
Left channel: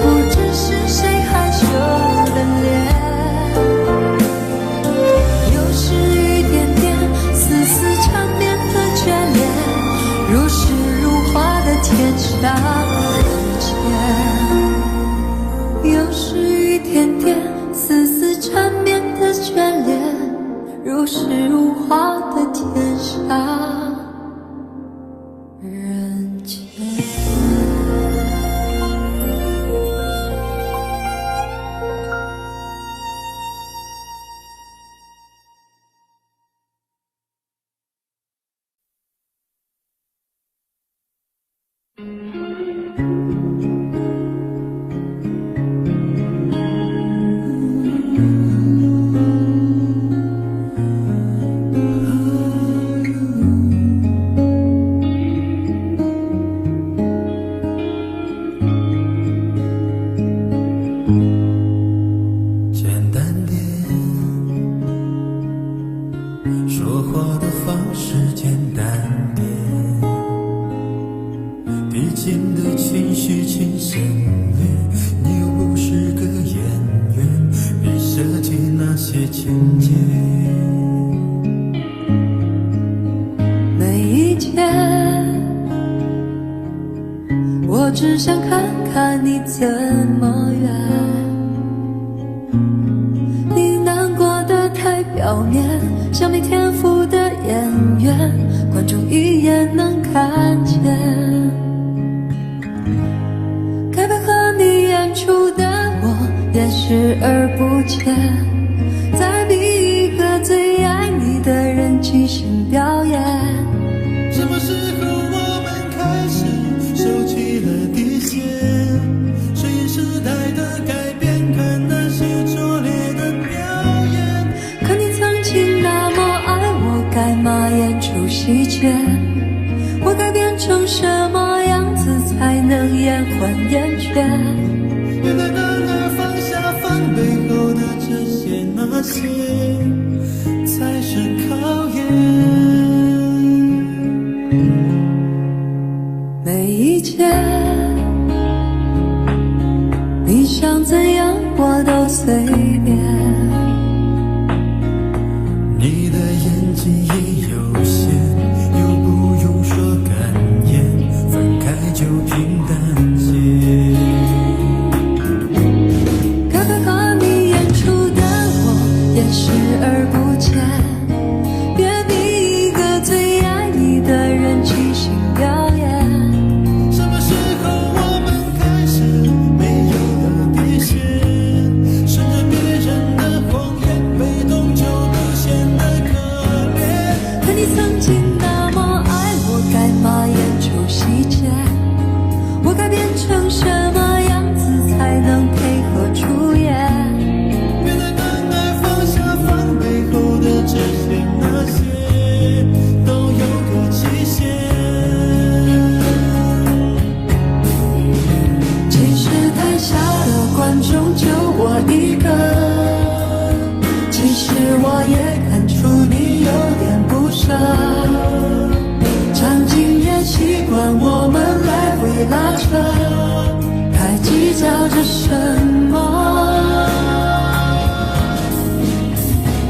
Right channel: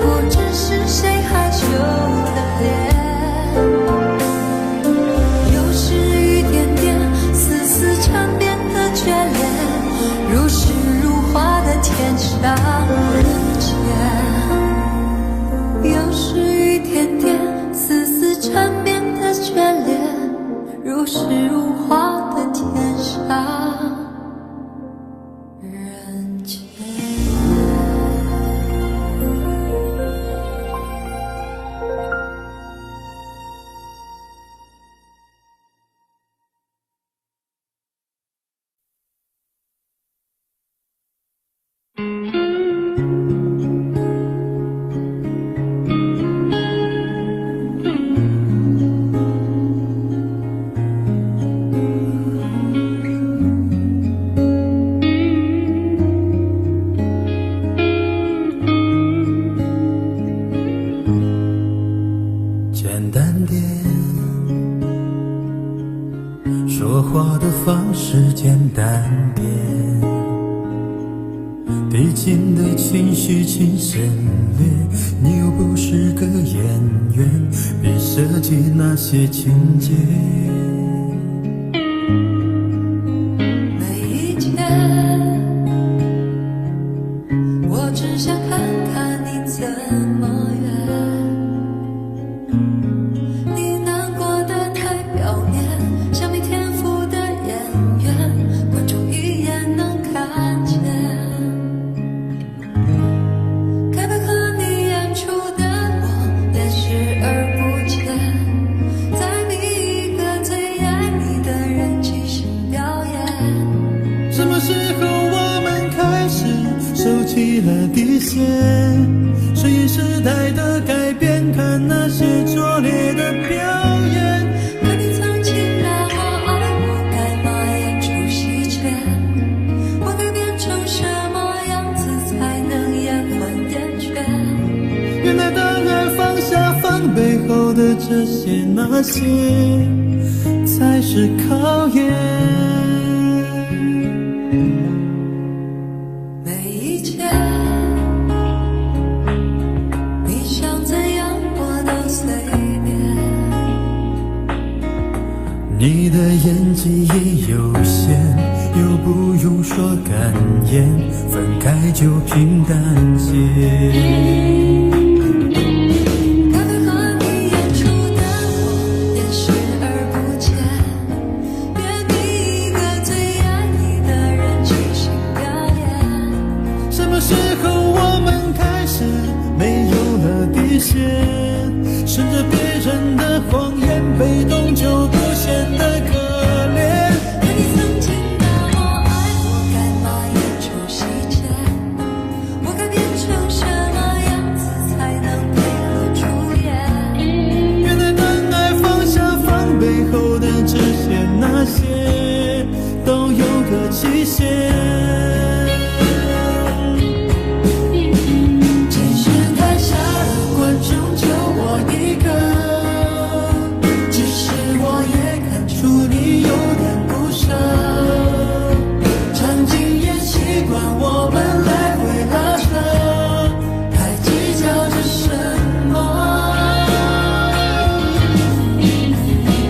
不知是谁害羞的脸。是一点点丝丝缠绵的眷恋，如诗如画的天上人间。又是一点点丝丝缠绵的眷恋，如诗如画的天上人间。简单点，说话的方式简单点，递进的情绪请省略，你又不是个演员，别设计那些情节。没意见，我只想看看你怎么圆。你难过的太表面，像没天赋的演员，观众一眼能看见。该配合你演出的我，也视而不见。再逼一个最爱你的人即兴表演，什么时候我们开始收起了底线？顺应时代的改变，看那些拙劣的表演。可你曾经那么爱我，该马演出细节？我该变成什么样子才能延缓厌倦？原来当爱放下放背后的这些那些，才是考验。每一天你想怎样我都随便，你的演技也有限，又不用说感言，分开就平淡些。该配合你演出的我也视而不见，别逼一个最爱你的人即兴表演。什么时候我们开始没有了底线？顺着别人的谎言，被动就不显得可怜。可你曾经那么爱我，该马演出细节？我该变成什么样子才能配合出演？原来当爱放下放背后的这些那些，都有个期限。其实台下的观众就我一个，其实我也看出你有点不舍，场景也习惯我们来回拉扯，还计较着什么？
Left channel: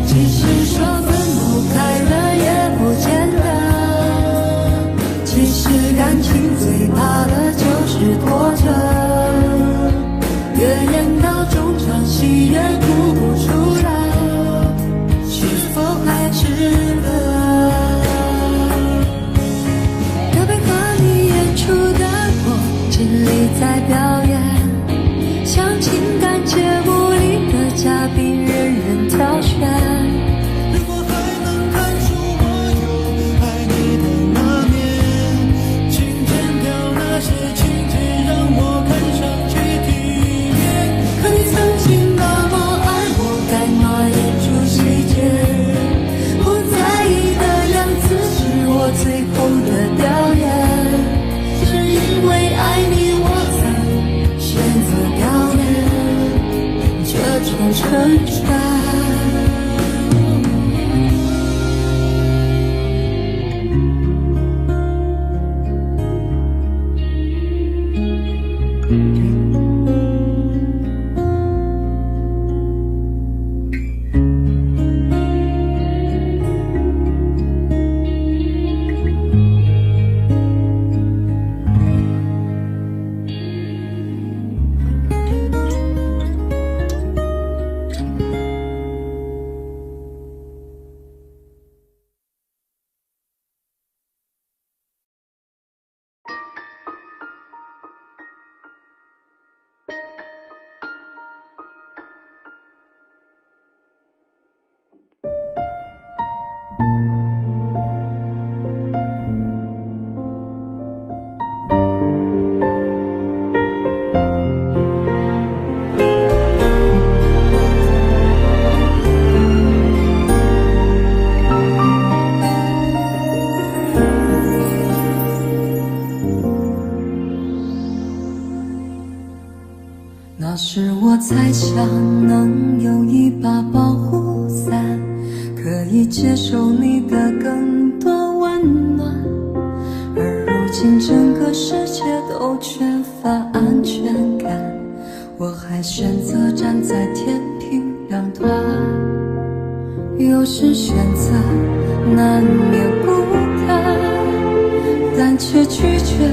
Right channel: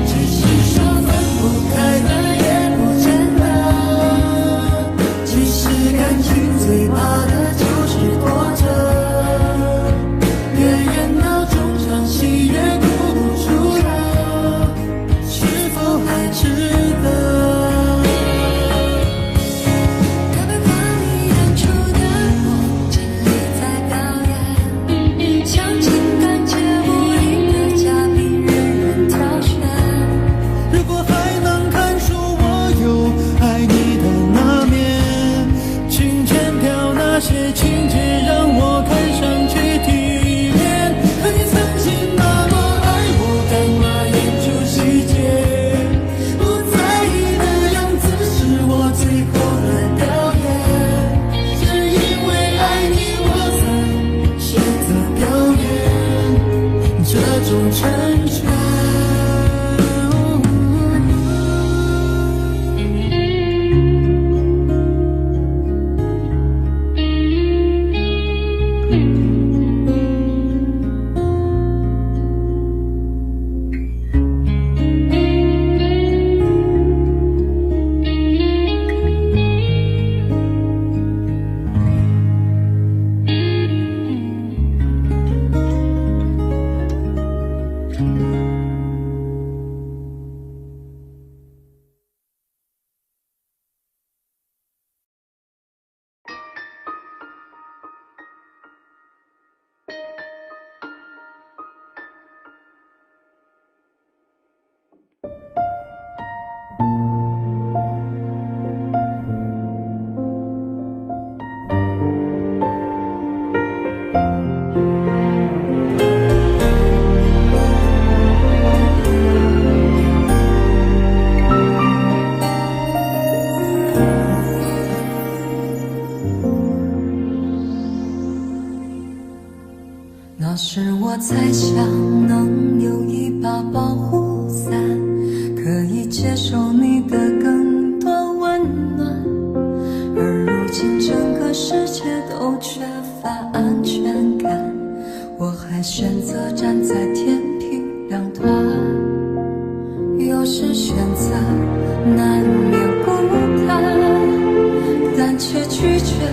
其实说分不开了也不见得，其实感情最怕的就是拖着，越演到中场戏越哭不出来，是否还值得？该配合你演出的我尽力在表演，像情感节目里的嘉宾任人挑选。如果还能看出我有爱你的那面，请剪掉那些情节，让我看上去体面。可你曾经那么爱我，干嘛演出细节？不在意的样子是我最后的表演，是因为爱你我才选择表演这种成全。那时我才想能有一把保护伞，可以接受你的更多温暖，而如今整个世界都缺乏安全感，我还选择站在天平两端。有时选择难免孤单，但却拒绝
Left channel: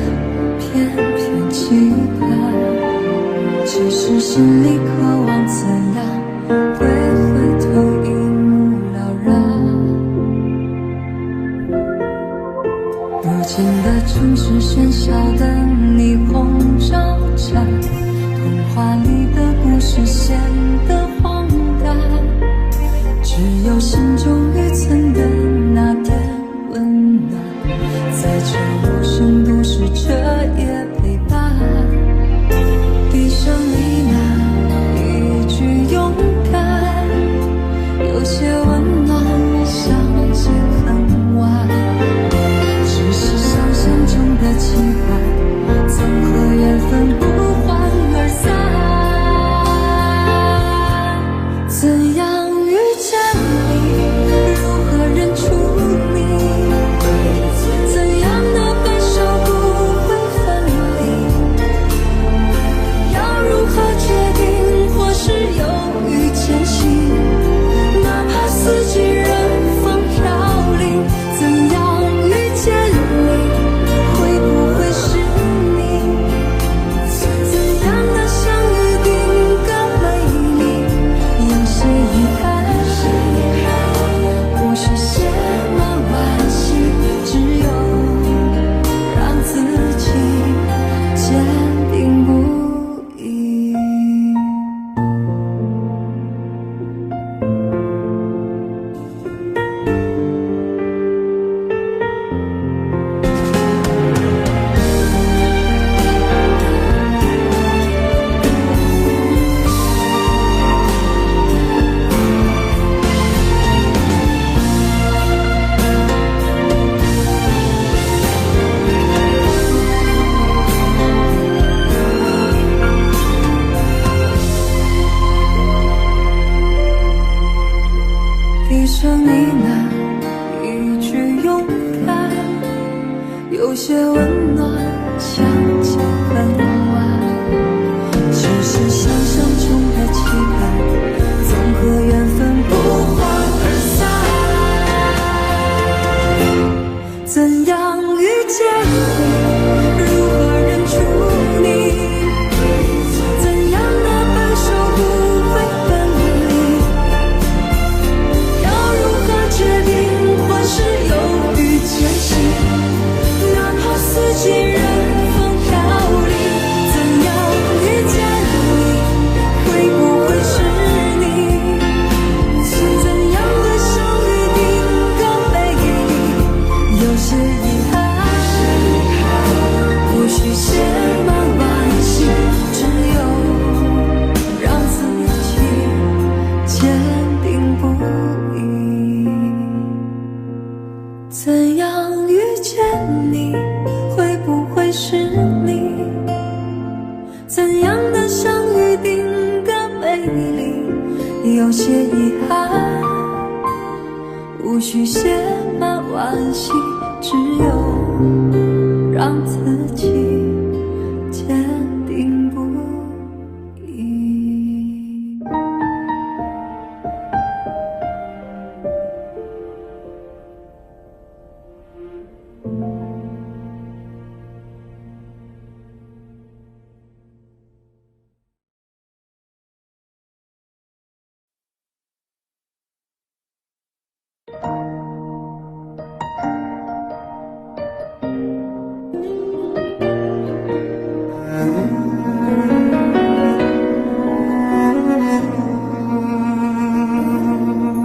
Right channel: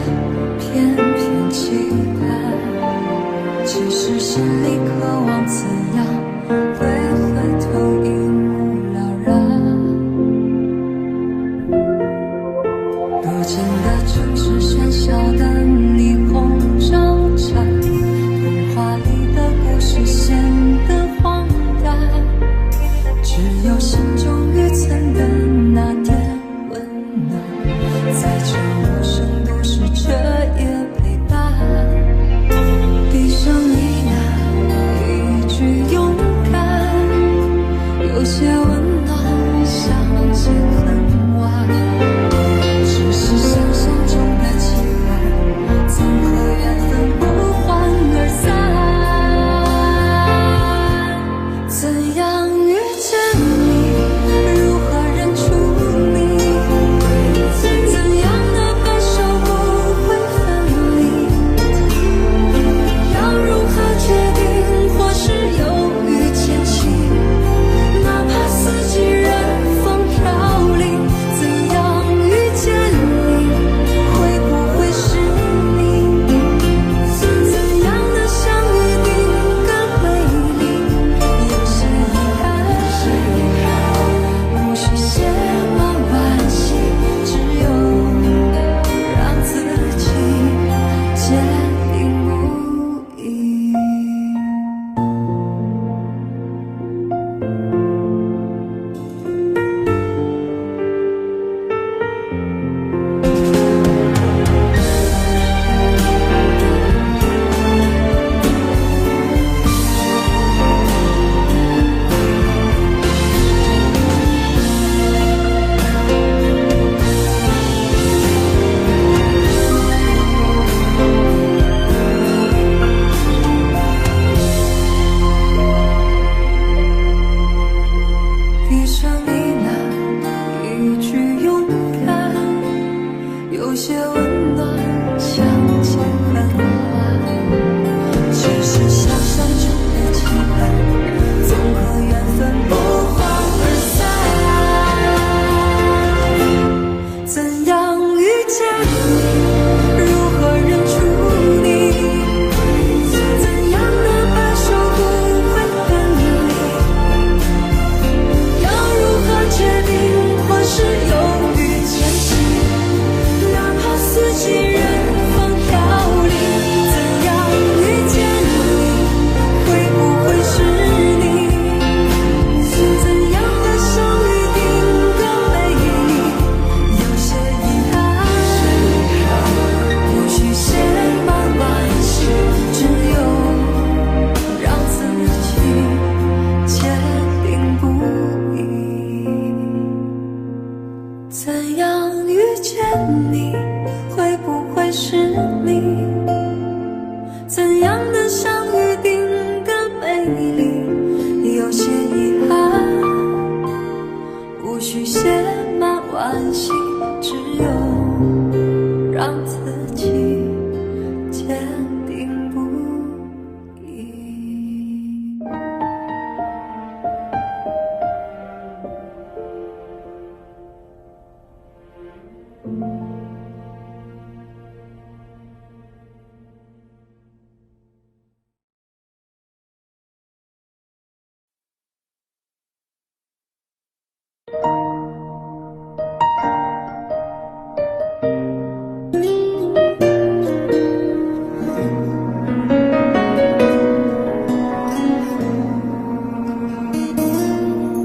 偏偏期盼，其实心里渴望怎样会回头一目了然。如今的城市喧嚣的霓虹招展，童话里的故事显得荒诞，只有心中预存的那点温暖，在这陌生都市彻夜陪伴。闭上你那一句勇敢，有些温暖相见恨晚，只是想象中的期盼，总和缘分不欢而散。怎样遇见你，如何认出你，怎样的白首不会分离，要如何决定，或是犹豫前行，哪怕四季任风飘零。怎样遇见你，会不会是你，怎样的相遇定格美丽，有些遗憾，无需写满惋惜，只有让自己坚定不移。闭上你那一句勇敢，有些温暖相见恨晚，只是想象中的期盼，总和缘分不欢而散。怎样遇见你，如何认出你，怎样的白首不会分离，要如何决定，或是犹豫前行，哪怕四季任风飘零。怎样遇见你，会不会是你，怎样的相遇定格美丽，有些遗憾，无需写满惋惜，只有让自己坚定不移。怎样遇见你，会不会是你，怎样的相遇定格美丽，有些遗憾，无需写满惋惜，只有让自己坚定不移。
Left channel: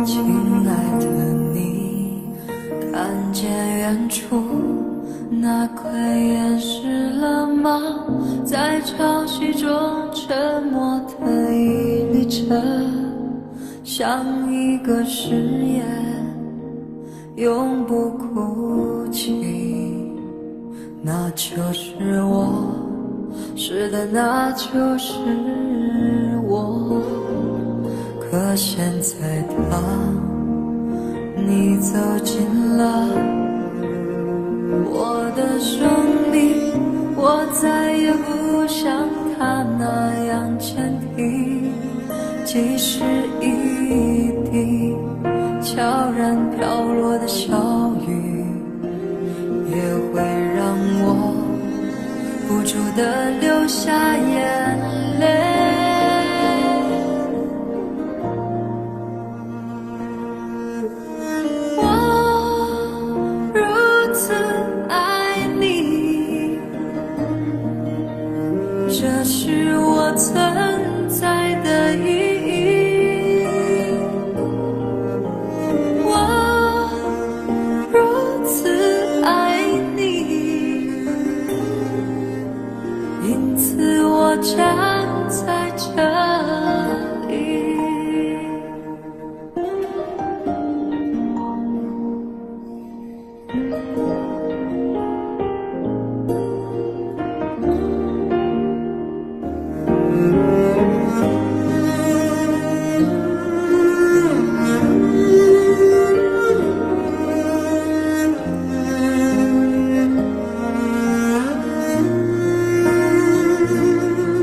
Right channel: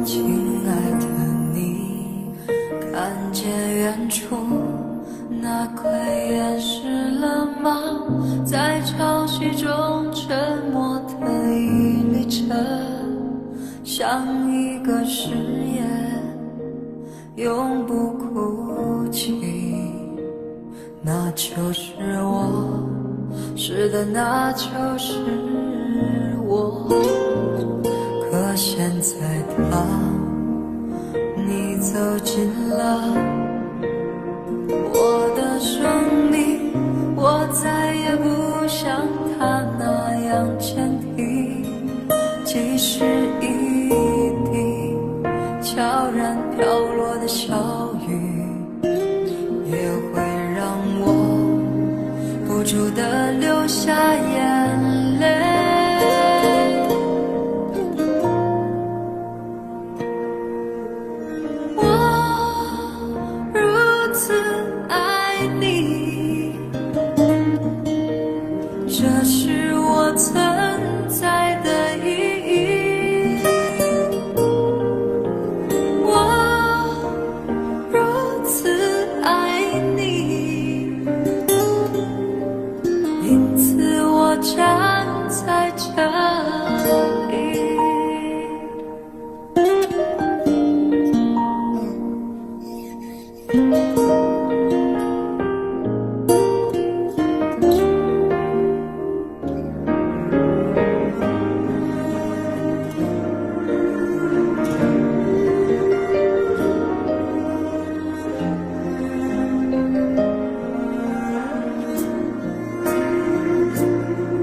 亲爱的你，看见远处那块岩石了吗？在潮汐中沉默的一粒尘，像一个誓言，永不哭泣。那就是我，是的，那就是我。可现在当你走进了我的生命，我再也不像他那样坚定，即使一滴悄然飘落的小雨，也会让我不住地流下眼泪。我如此爱你，这是我存在的意义。我如此站在这里。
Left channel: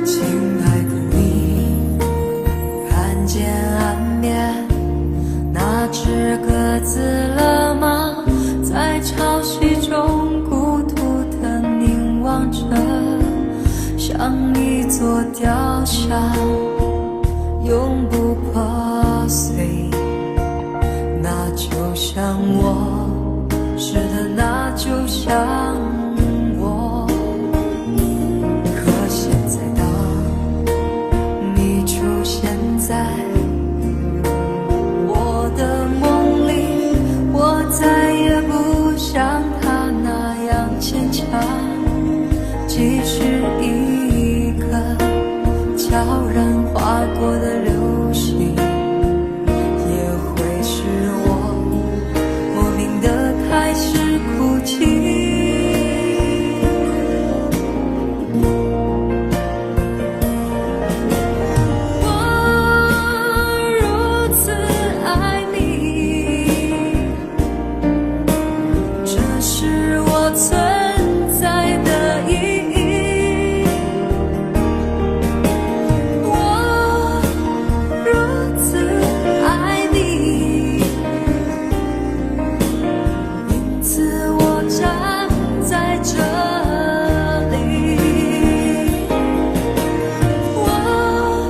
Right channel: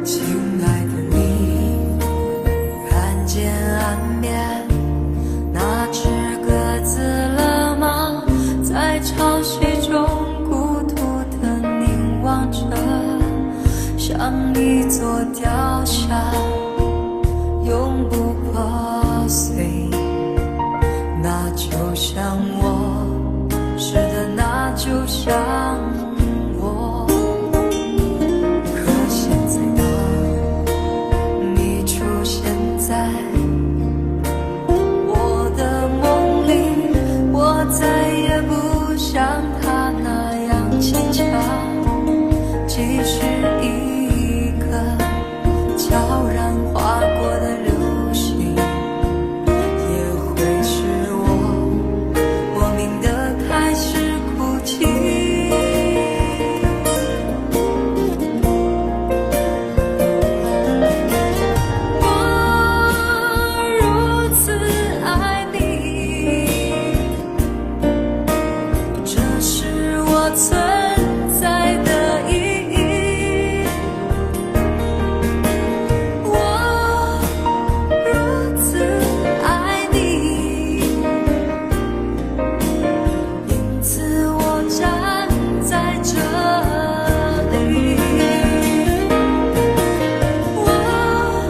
亲爱的你，看见岸边那只鸽子了吗？在潮汐中孤独地凝望着，像一座雕像，永不破碎。那就像我，是的，那就像我。可现在当你出现在我的梦里，我再也不像他那样坚强，即使一个悄然划过的流星，也会使我莫名地开始哭泣。存在的意义，我如此爱你，因此我站在这里。我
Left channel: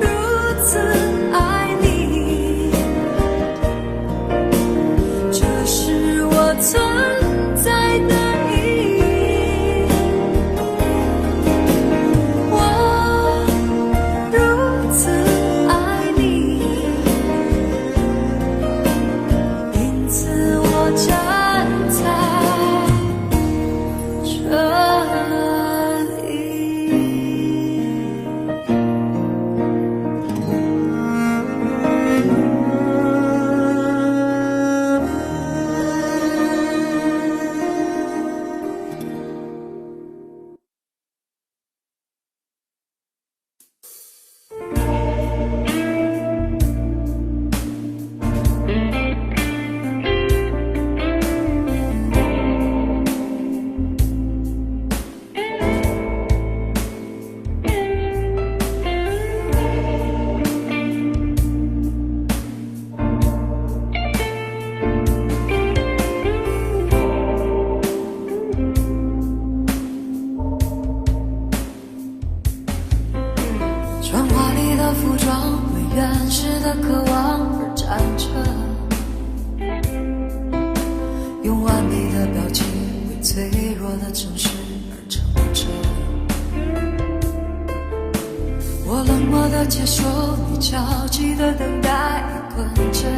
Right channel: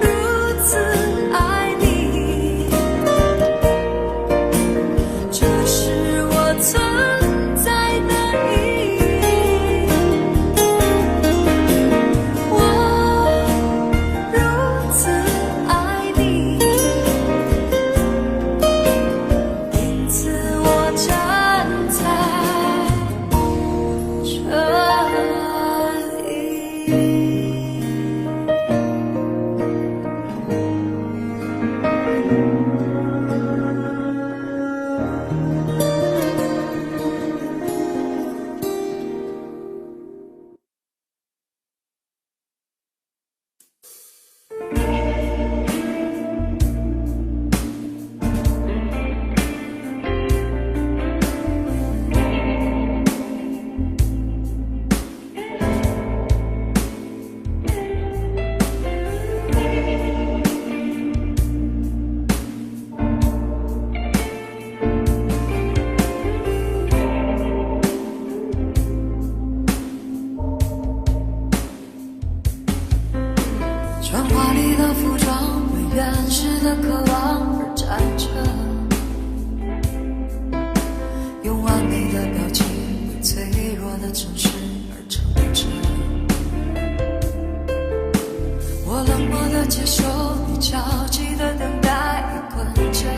如此爱你，这是我存在的意义，我如此爱你，因此我站在这里。穿华丽的服装，为原始的渴望而站着，用完美的表情为脆弱的城市而撑着。我冷漠地接受你着急的等待，滚着，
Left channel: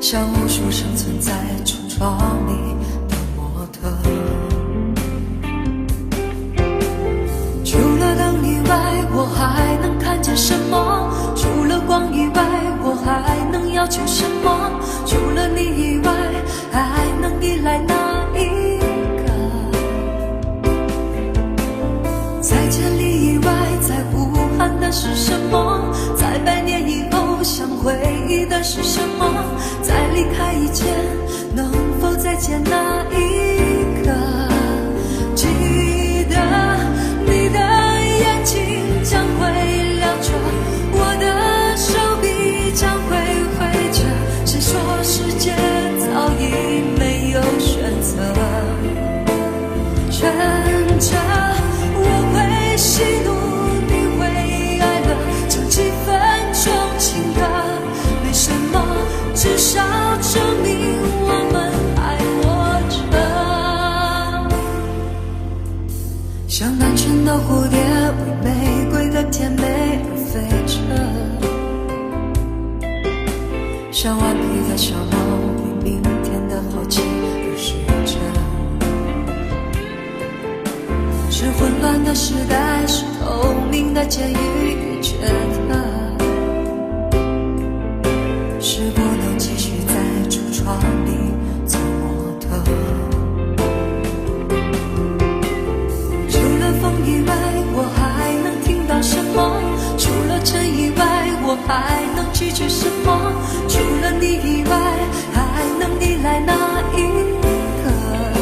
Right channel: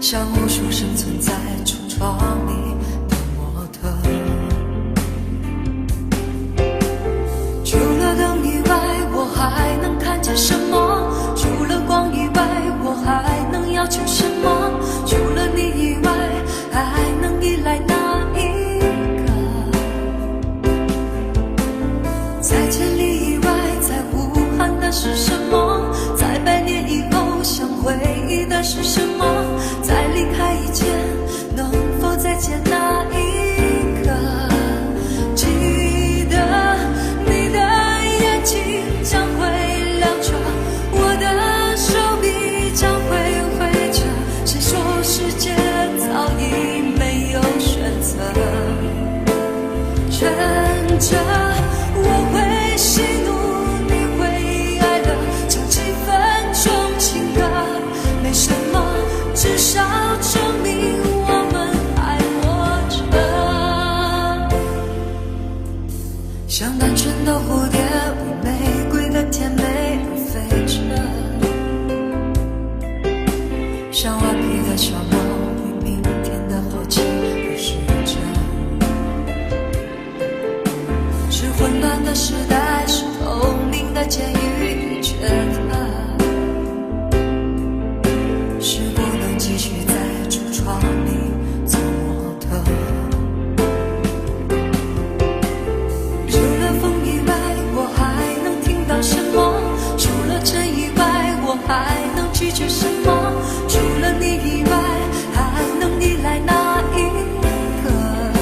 像无数生存在橱窗里的模特。除了灯以外，我还能看见什么？除了光以外，我还能要求什么？除了你以外，还能依赖哪一个？在千里以外，在呼喊的是什么？在100年以后，想回忆的是什么？在离开以前，能否再见那一刻？记得你的眼睛将会亮着，我的手臂将会挥着。谁说世界早已没有选择？趁着我会喜怒，你会哀乐，唱几分钟情歌，没什么，至少证明我们还活着。像单纯的蝴蝶，为玫瑰的甜美而飞着，像顽皮的小猫，为明天的好奇而睡着。是混乱的时代，是透明的监狱，也觉得是不能继续在橱窗里做模特。除了风以外，我还能听到什么？除了尘以外，我还能拒绝什么？除了你以外，还能依赖哪一个？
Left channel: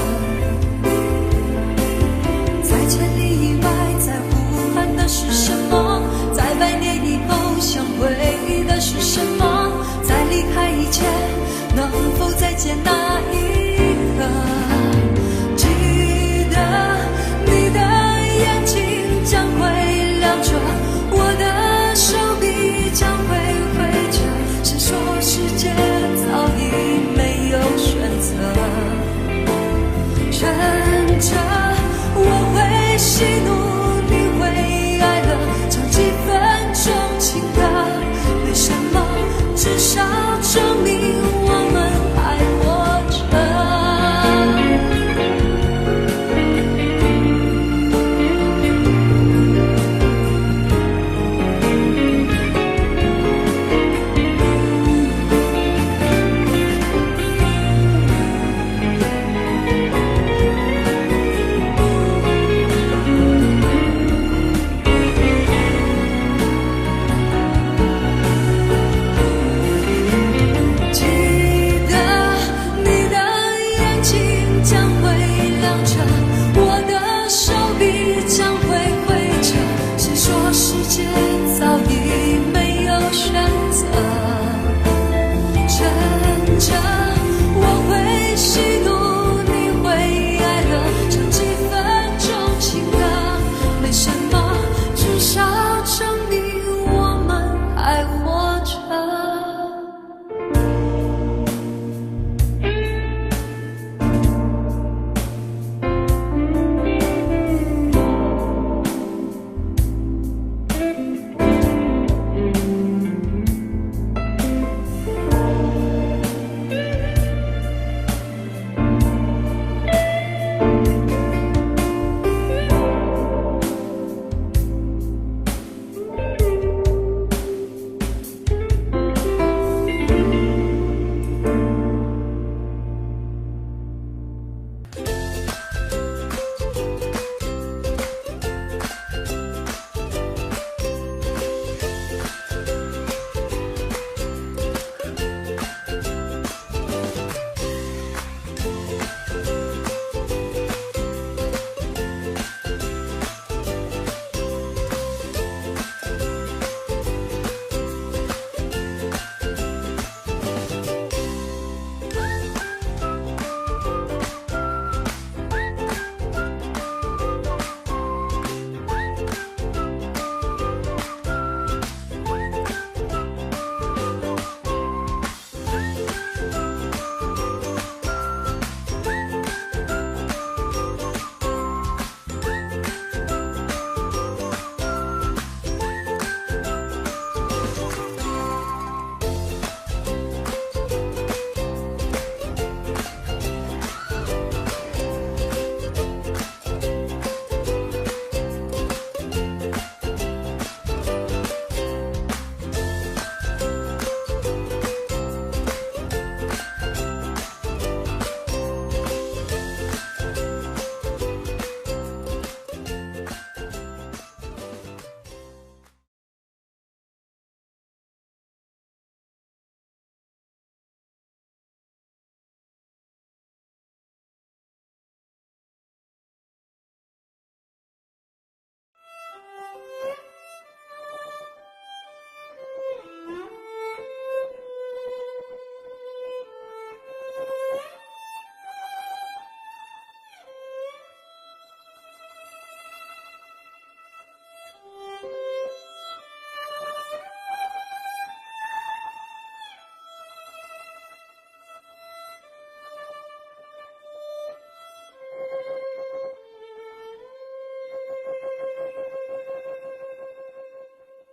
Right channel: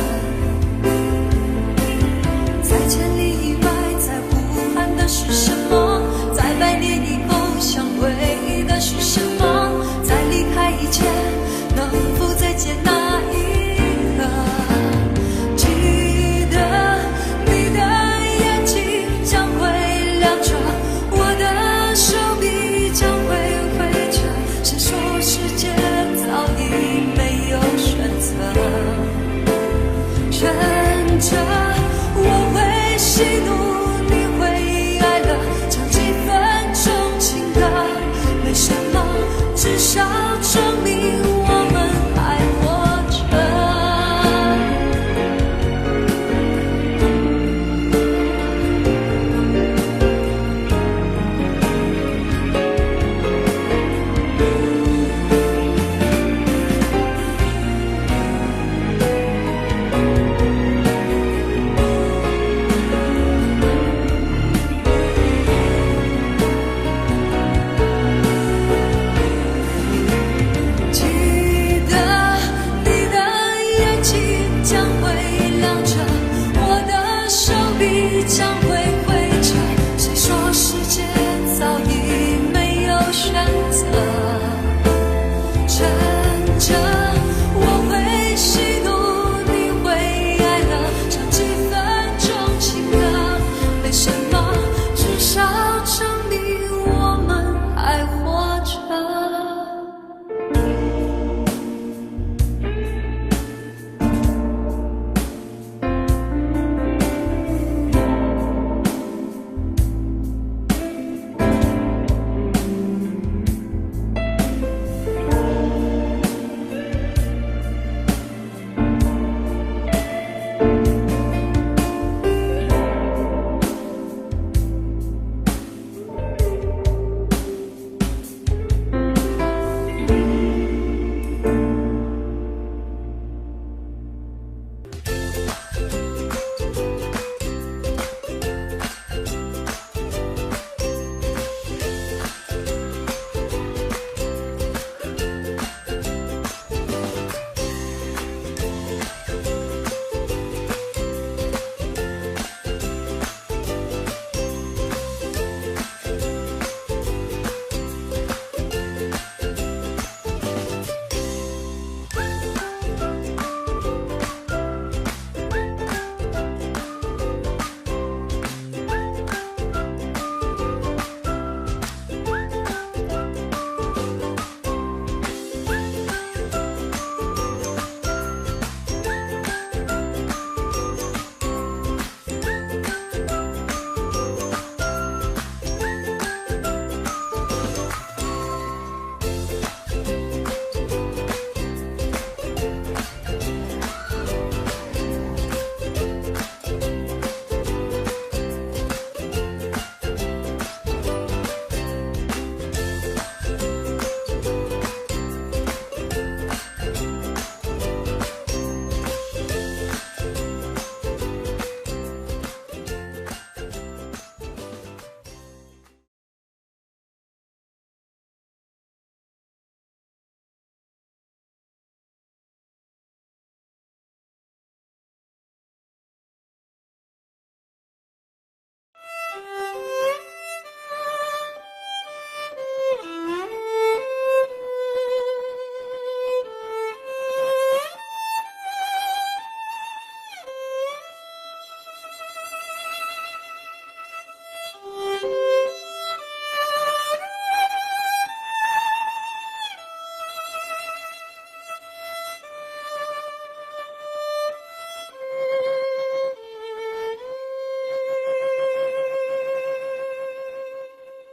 在千里以外，在呼喊的是什么？在100年以后想回忆的是什么？在离开以前，能否再见那一刻？记得你的眼睛将会亮着，我的手臂将会挥着。谁说世界早已没有选择？趁着我会喜怒，你会哀乐，唱几分钟情歌，没什么，至少证明我们还活着。记得你的眼睛将会亮着，我的手臂将会挥着。谁说世界早已没有选择？趁着我会喜怒，你会哀乐，唱几分钟情歌，没什么，至少证明我们还活着。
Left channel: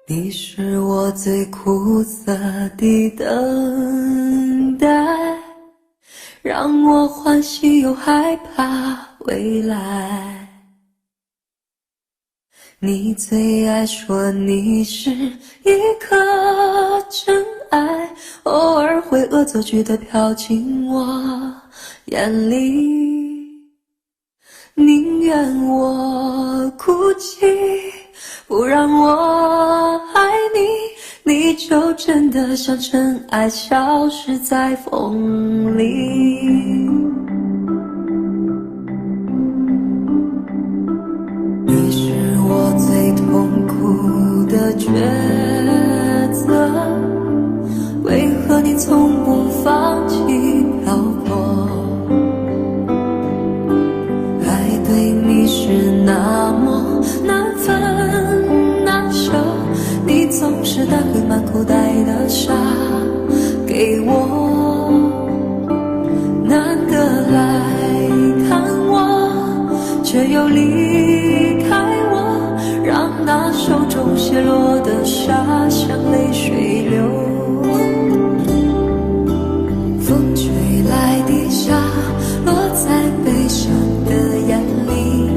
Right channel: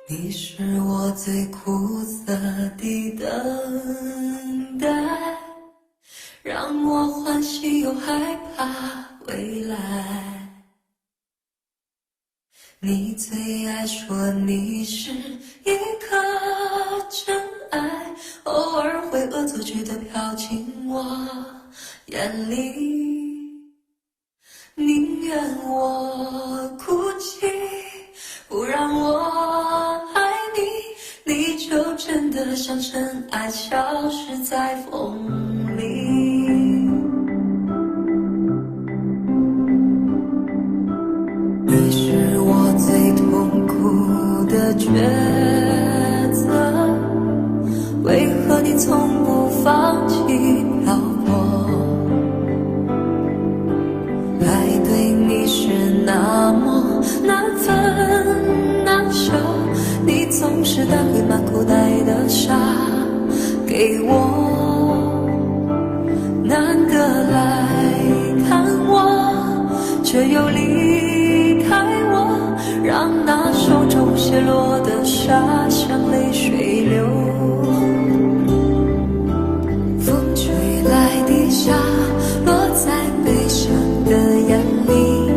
你是我最苦涩的等待，让我欢喜又害怕未来。你最爱说你是一颗真爱，偶尔会恶作剧地飘进我眼里。宁愿我哭泣，不让我爱你，你就真的像尘埃消失在风里。你是我最痛苦的抉择，为何你从不放弃漂泊？爱对你是那么难分难舍，你总是带回满口袋的沙给我，难得来看我，却又离开我，让那手中泻落的沙像泪水流。风吹来的沙落在悲伤的眼里，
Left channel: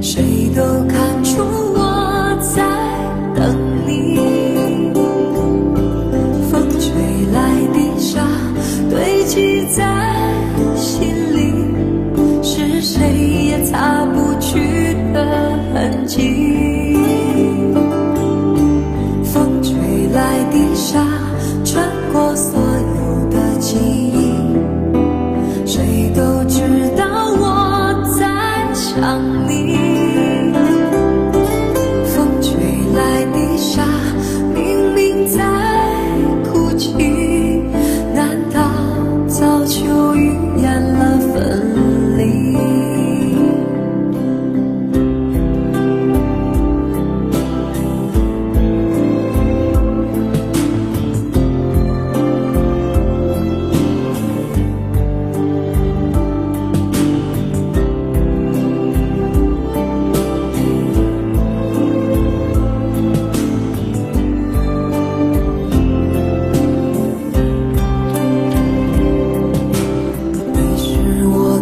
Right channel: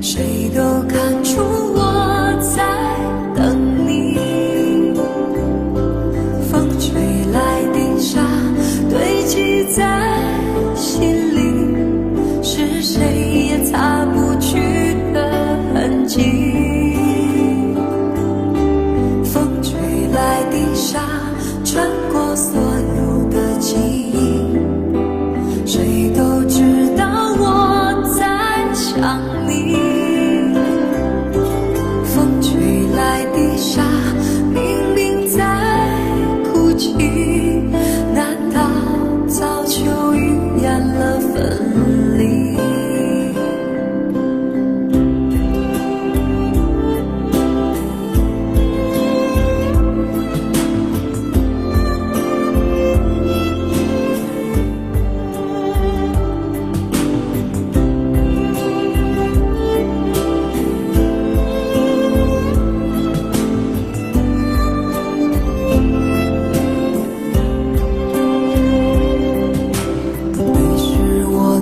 谁都看出我在等你。风吹来的沙堆积在心里，是谁也擦不去的痕迹。风吹来的沙穿过所有的记忆，谁都知道我在想你。风吹来的沙明明在哭泣，难道早就预言了分离？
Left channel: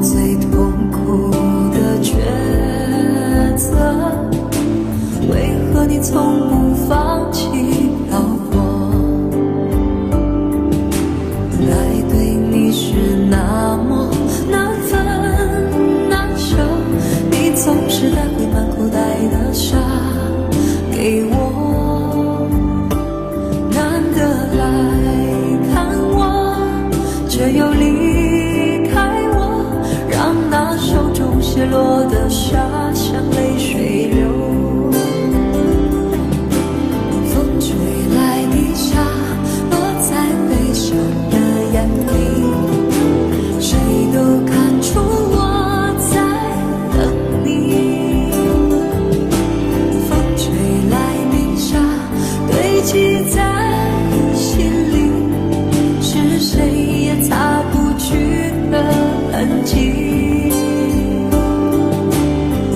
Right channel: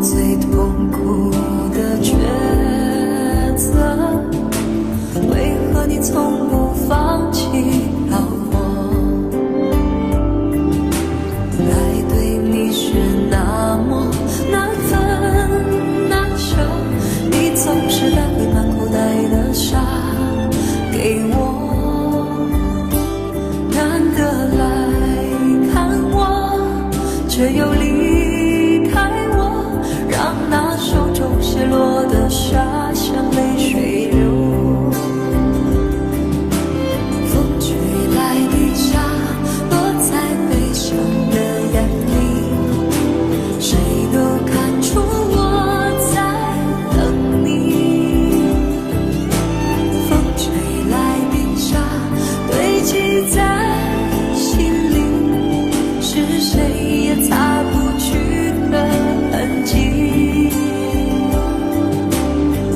最痛苦的抉择，为何你从不放弃漂泊？爱对你是那么难分难舍，你总是带回满口袋的沙给我，难得来看我，却又离开我，让那手中泻落的沙像泪水流。风吹来的沙落在悲伤的眼里，谁都看出我在等你。风吹来的沙堆积在心里，是谁也擦不去的痕迹。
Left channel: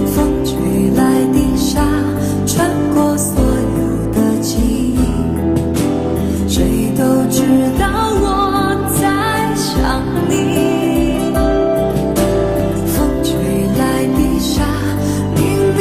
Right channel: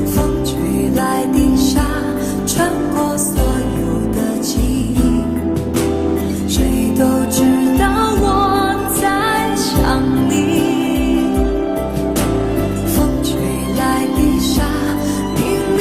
风吹来的沙穿过所有的记忆，谁都知道我在想你。风吹来的沙明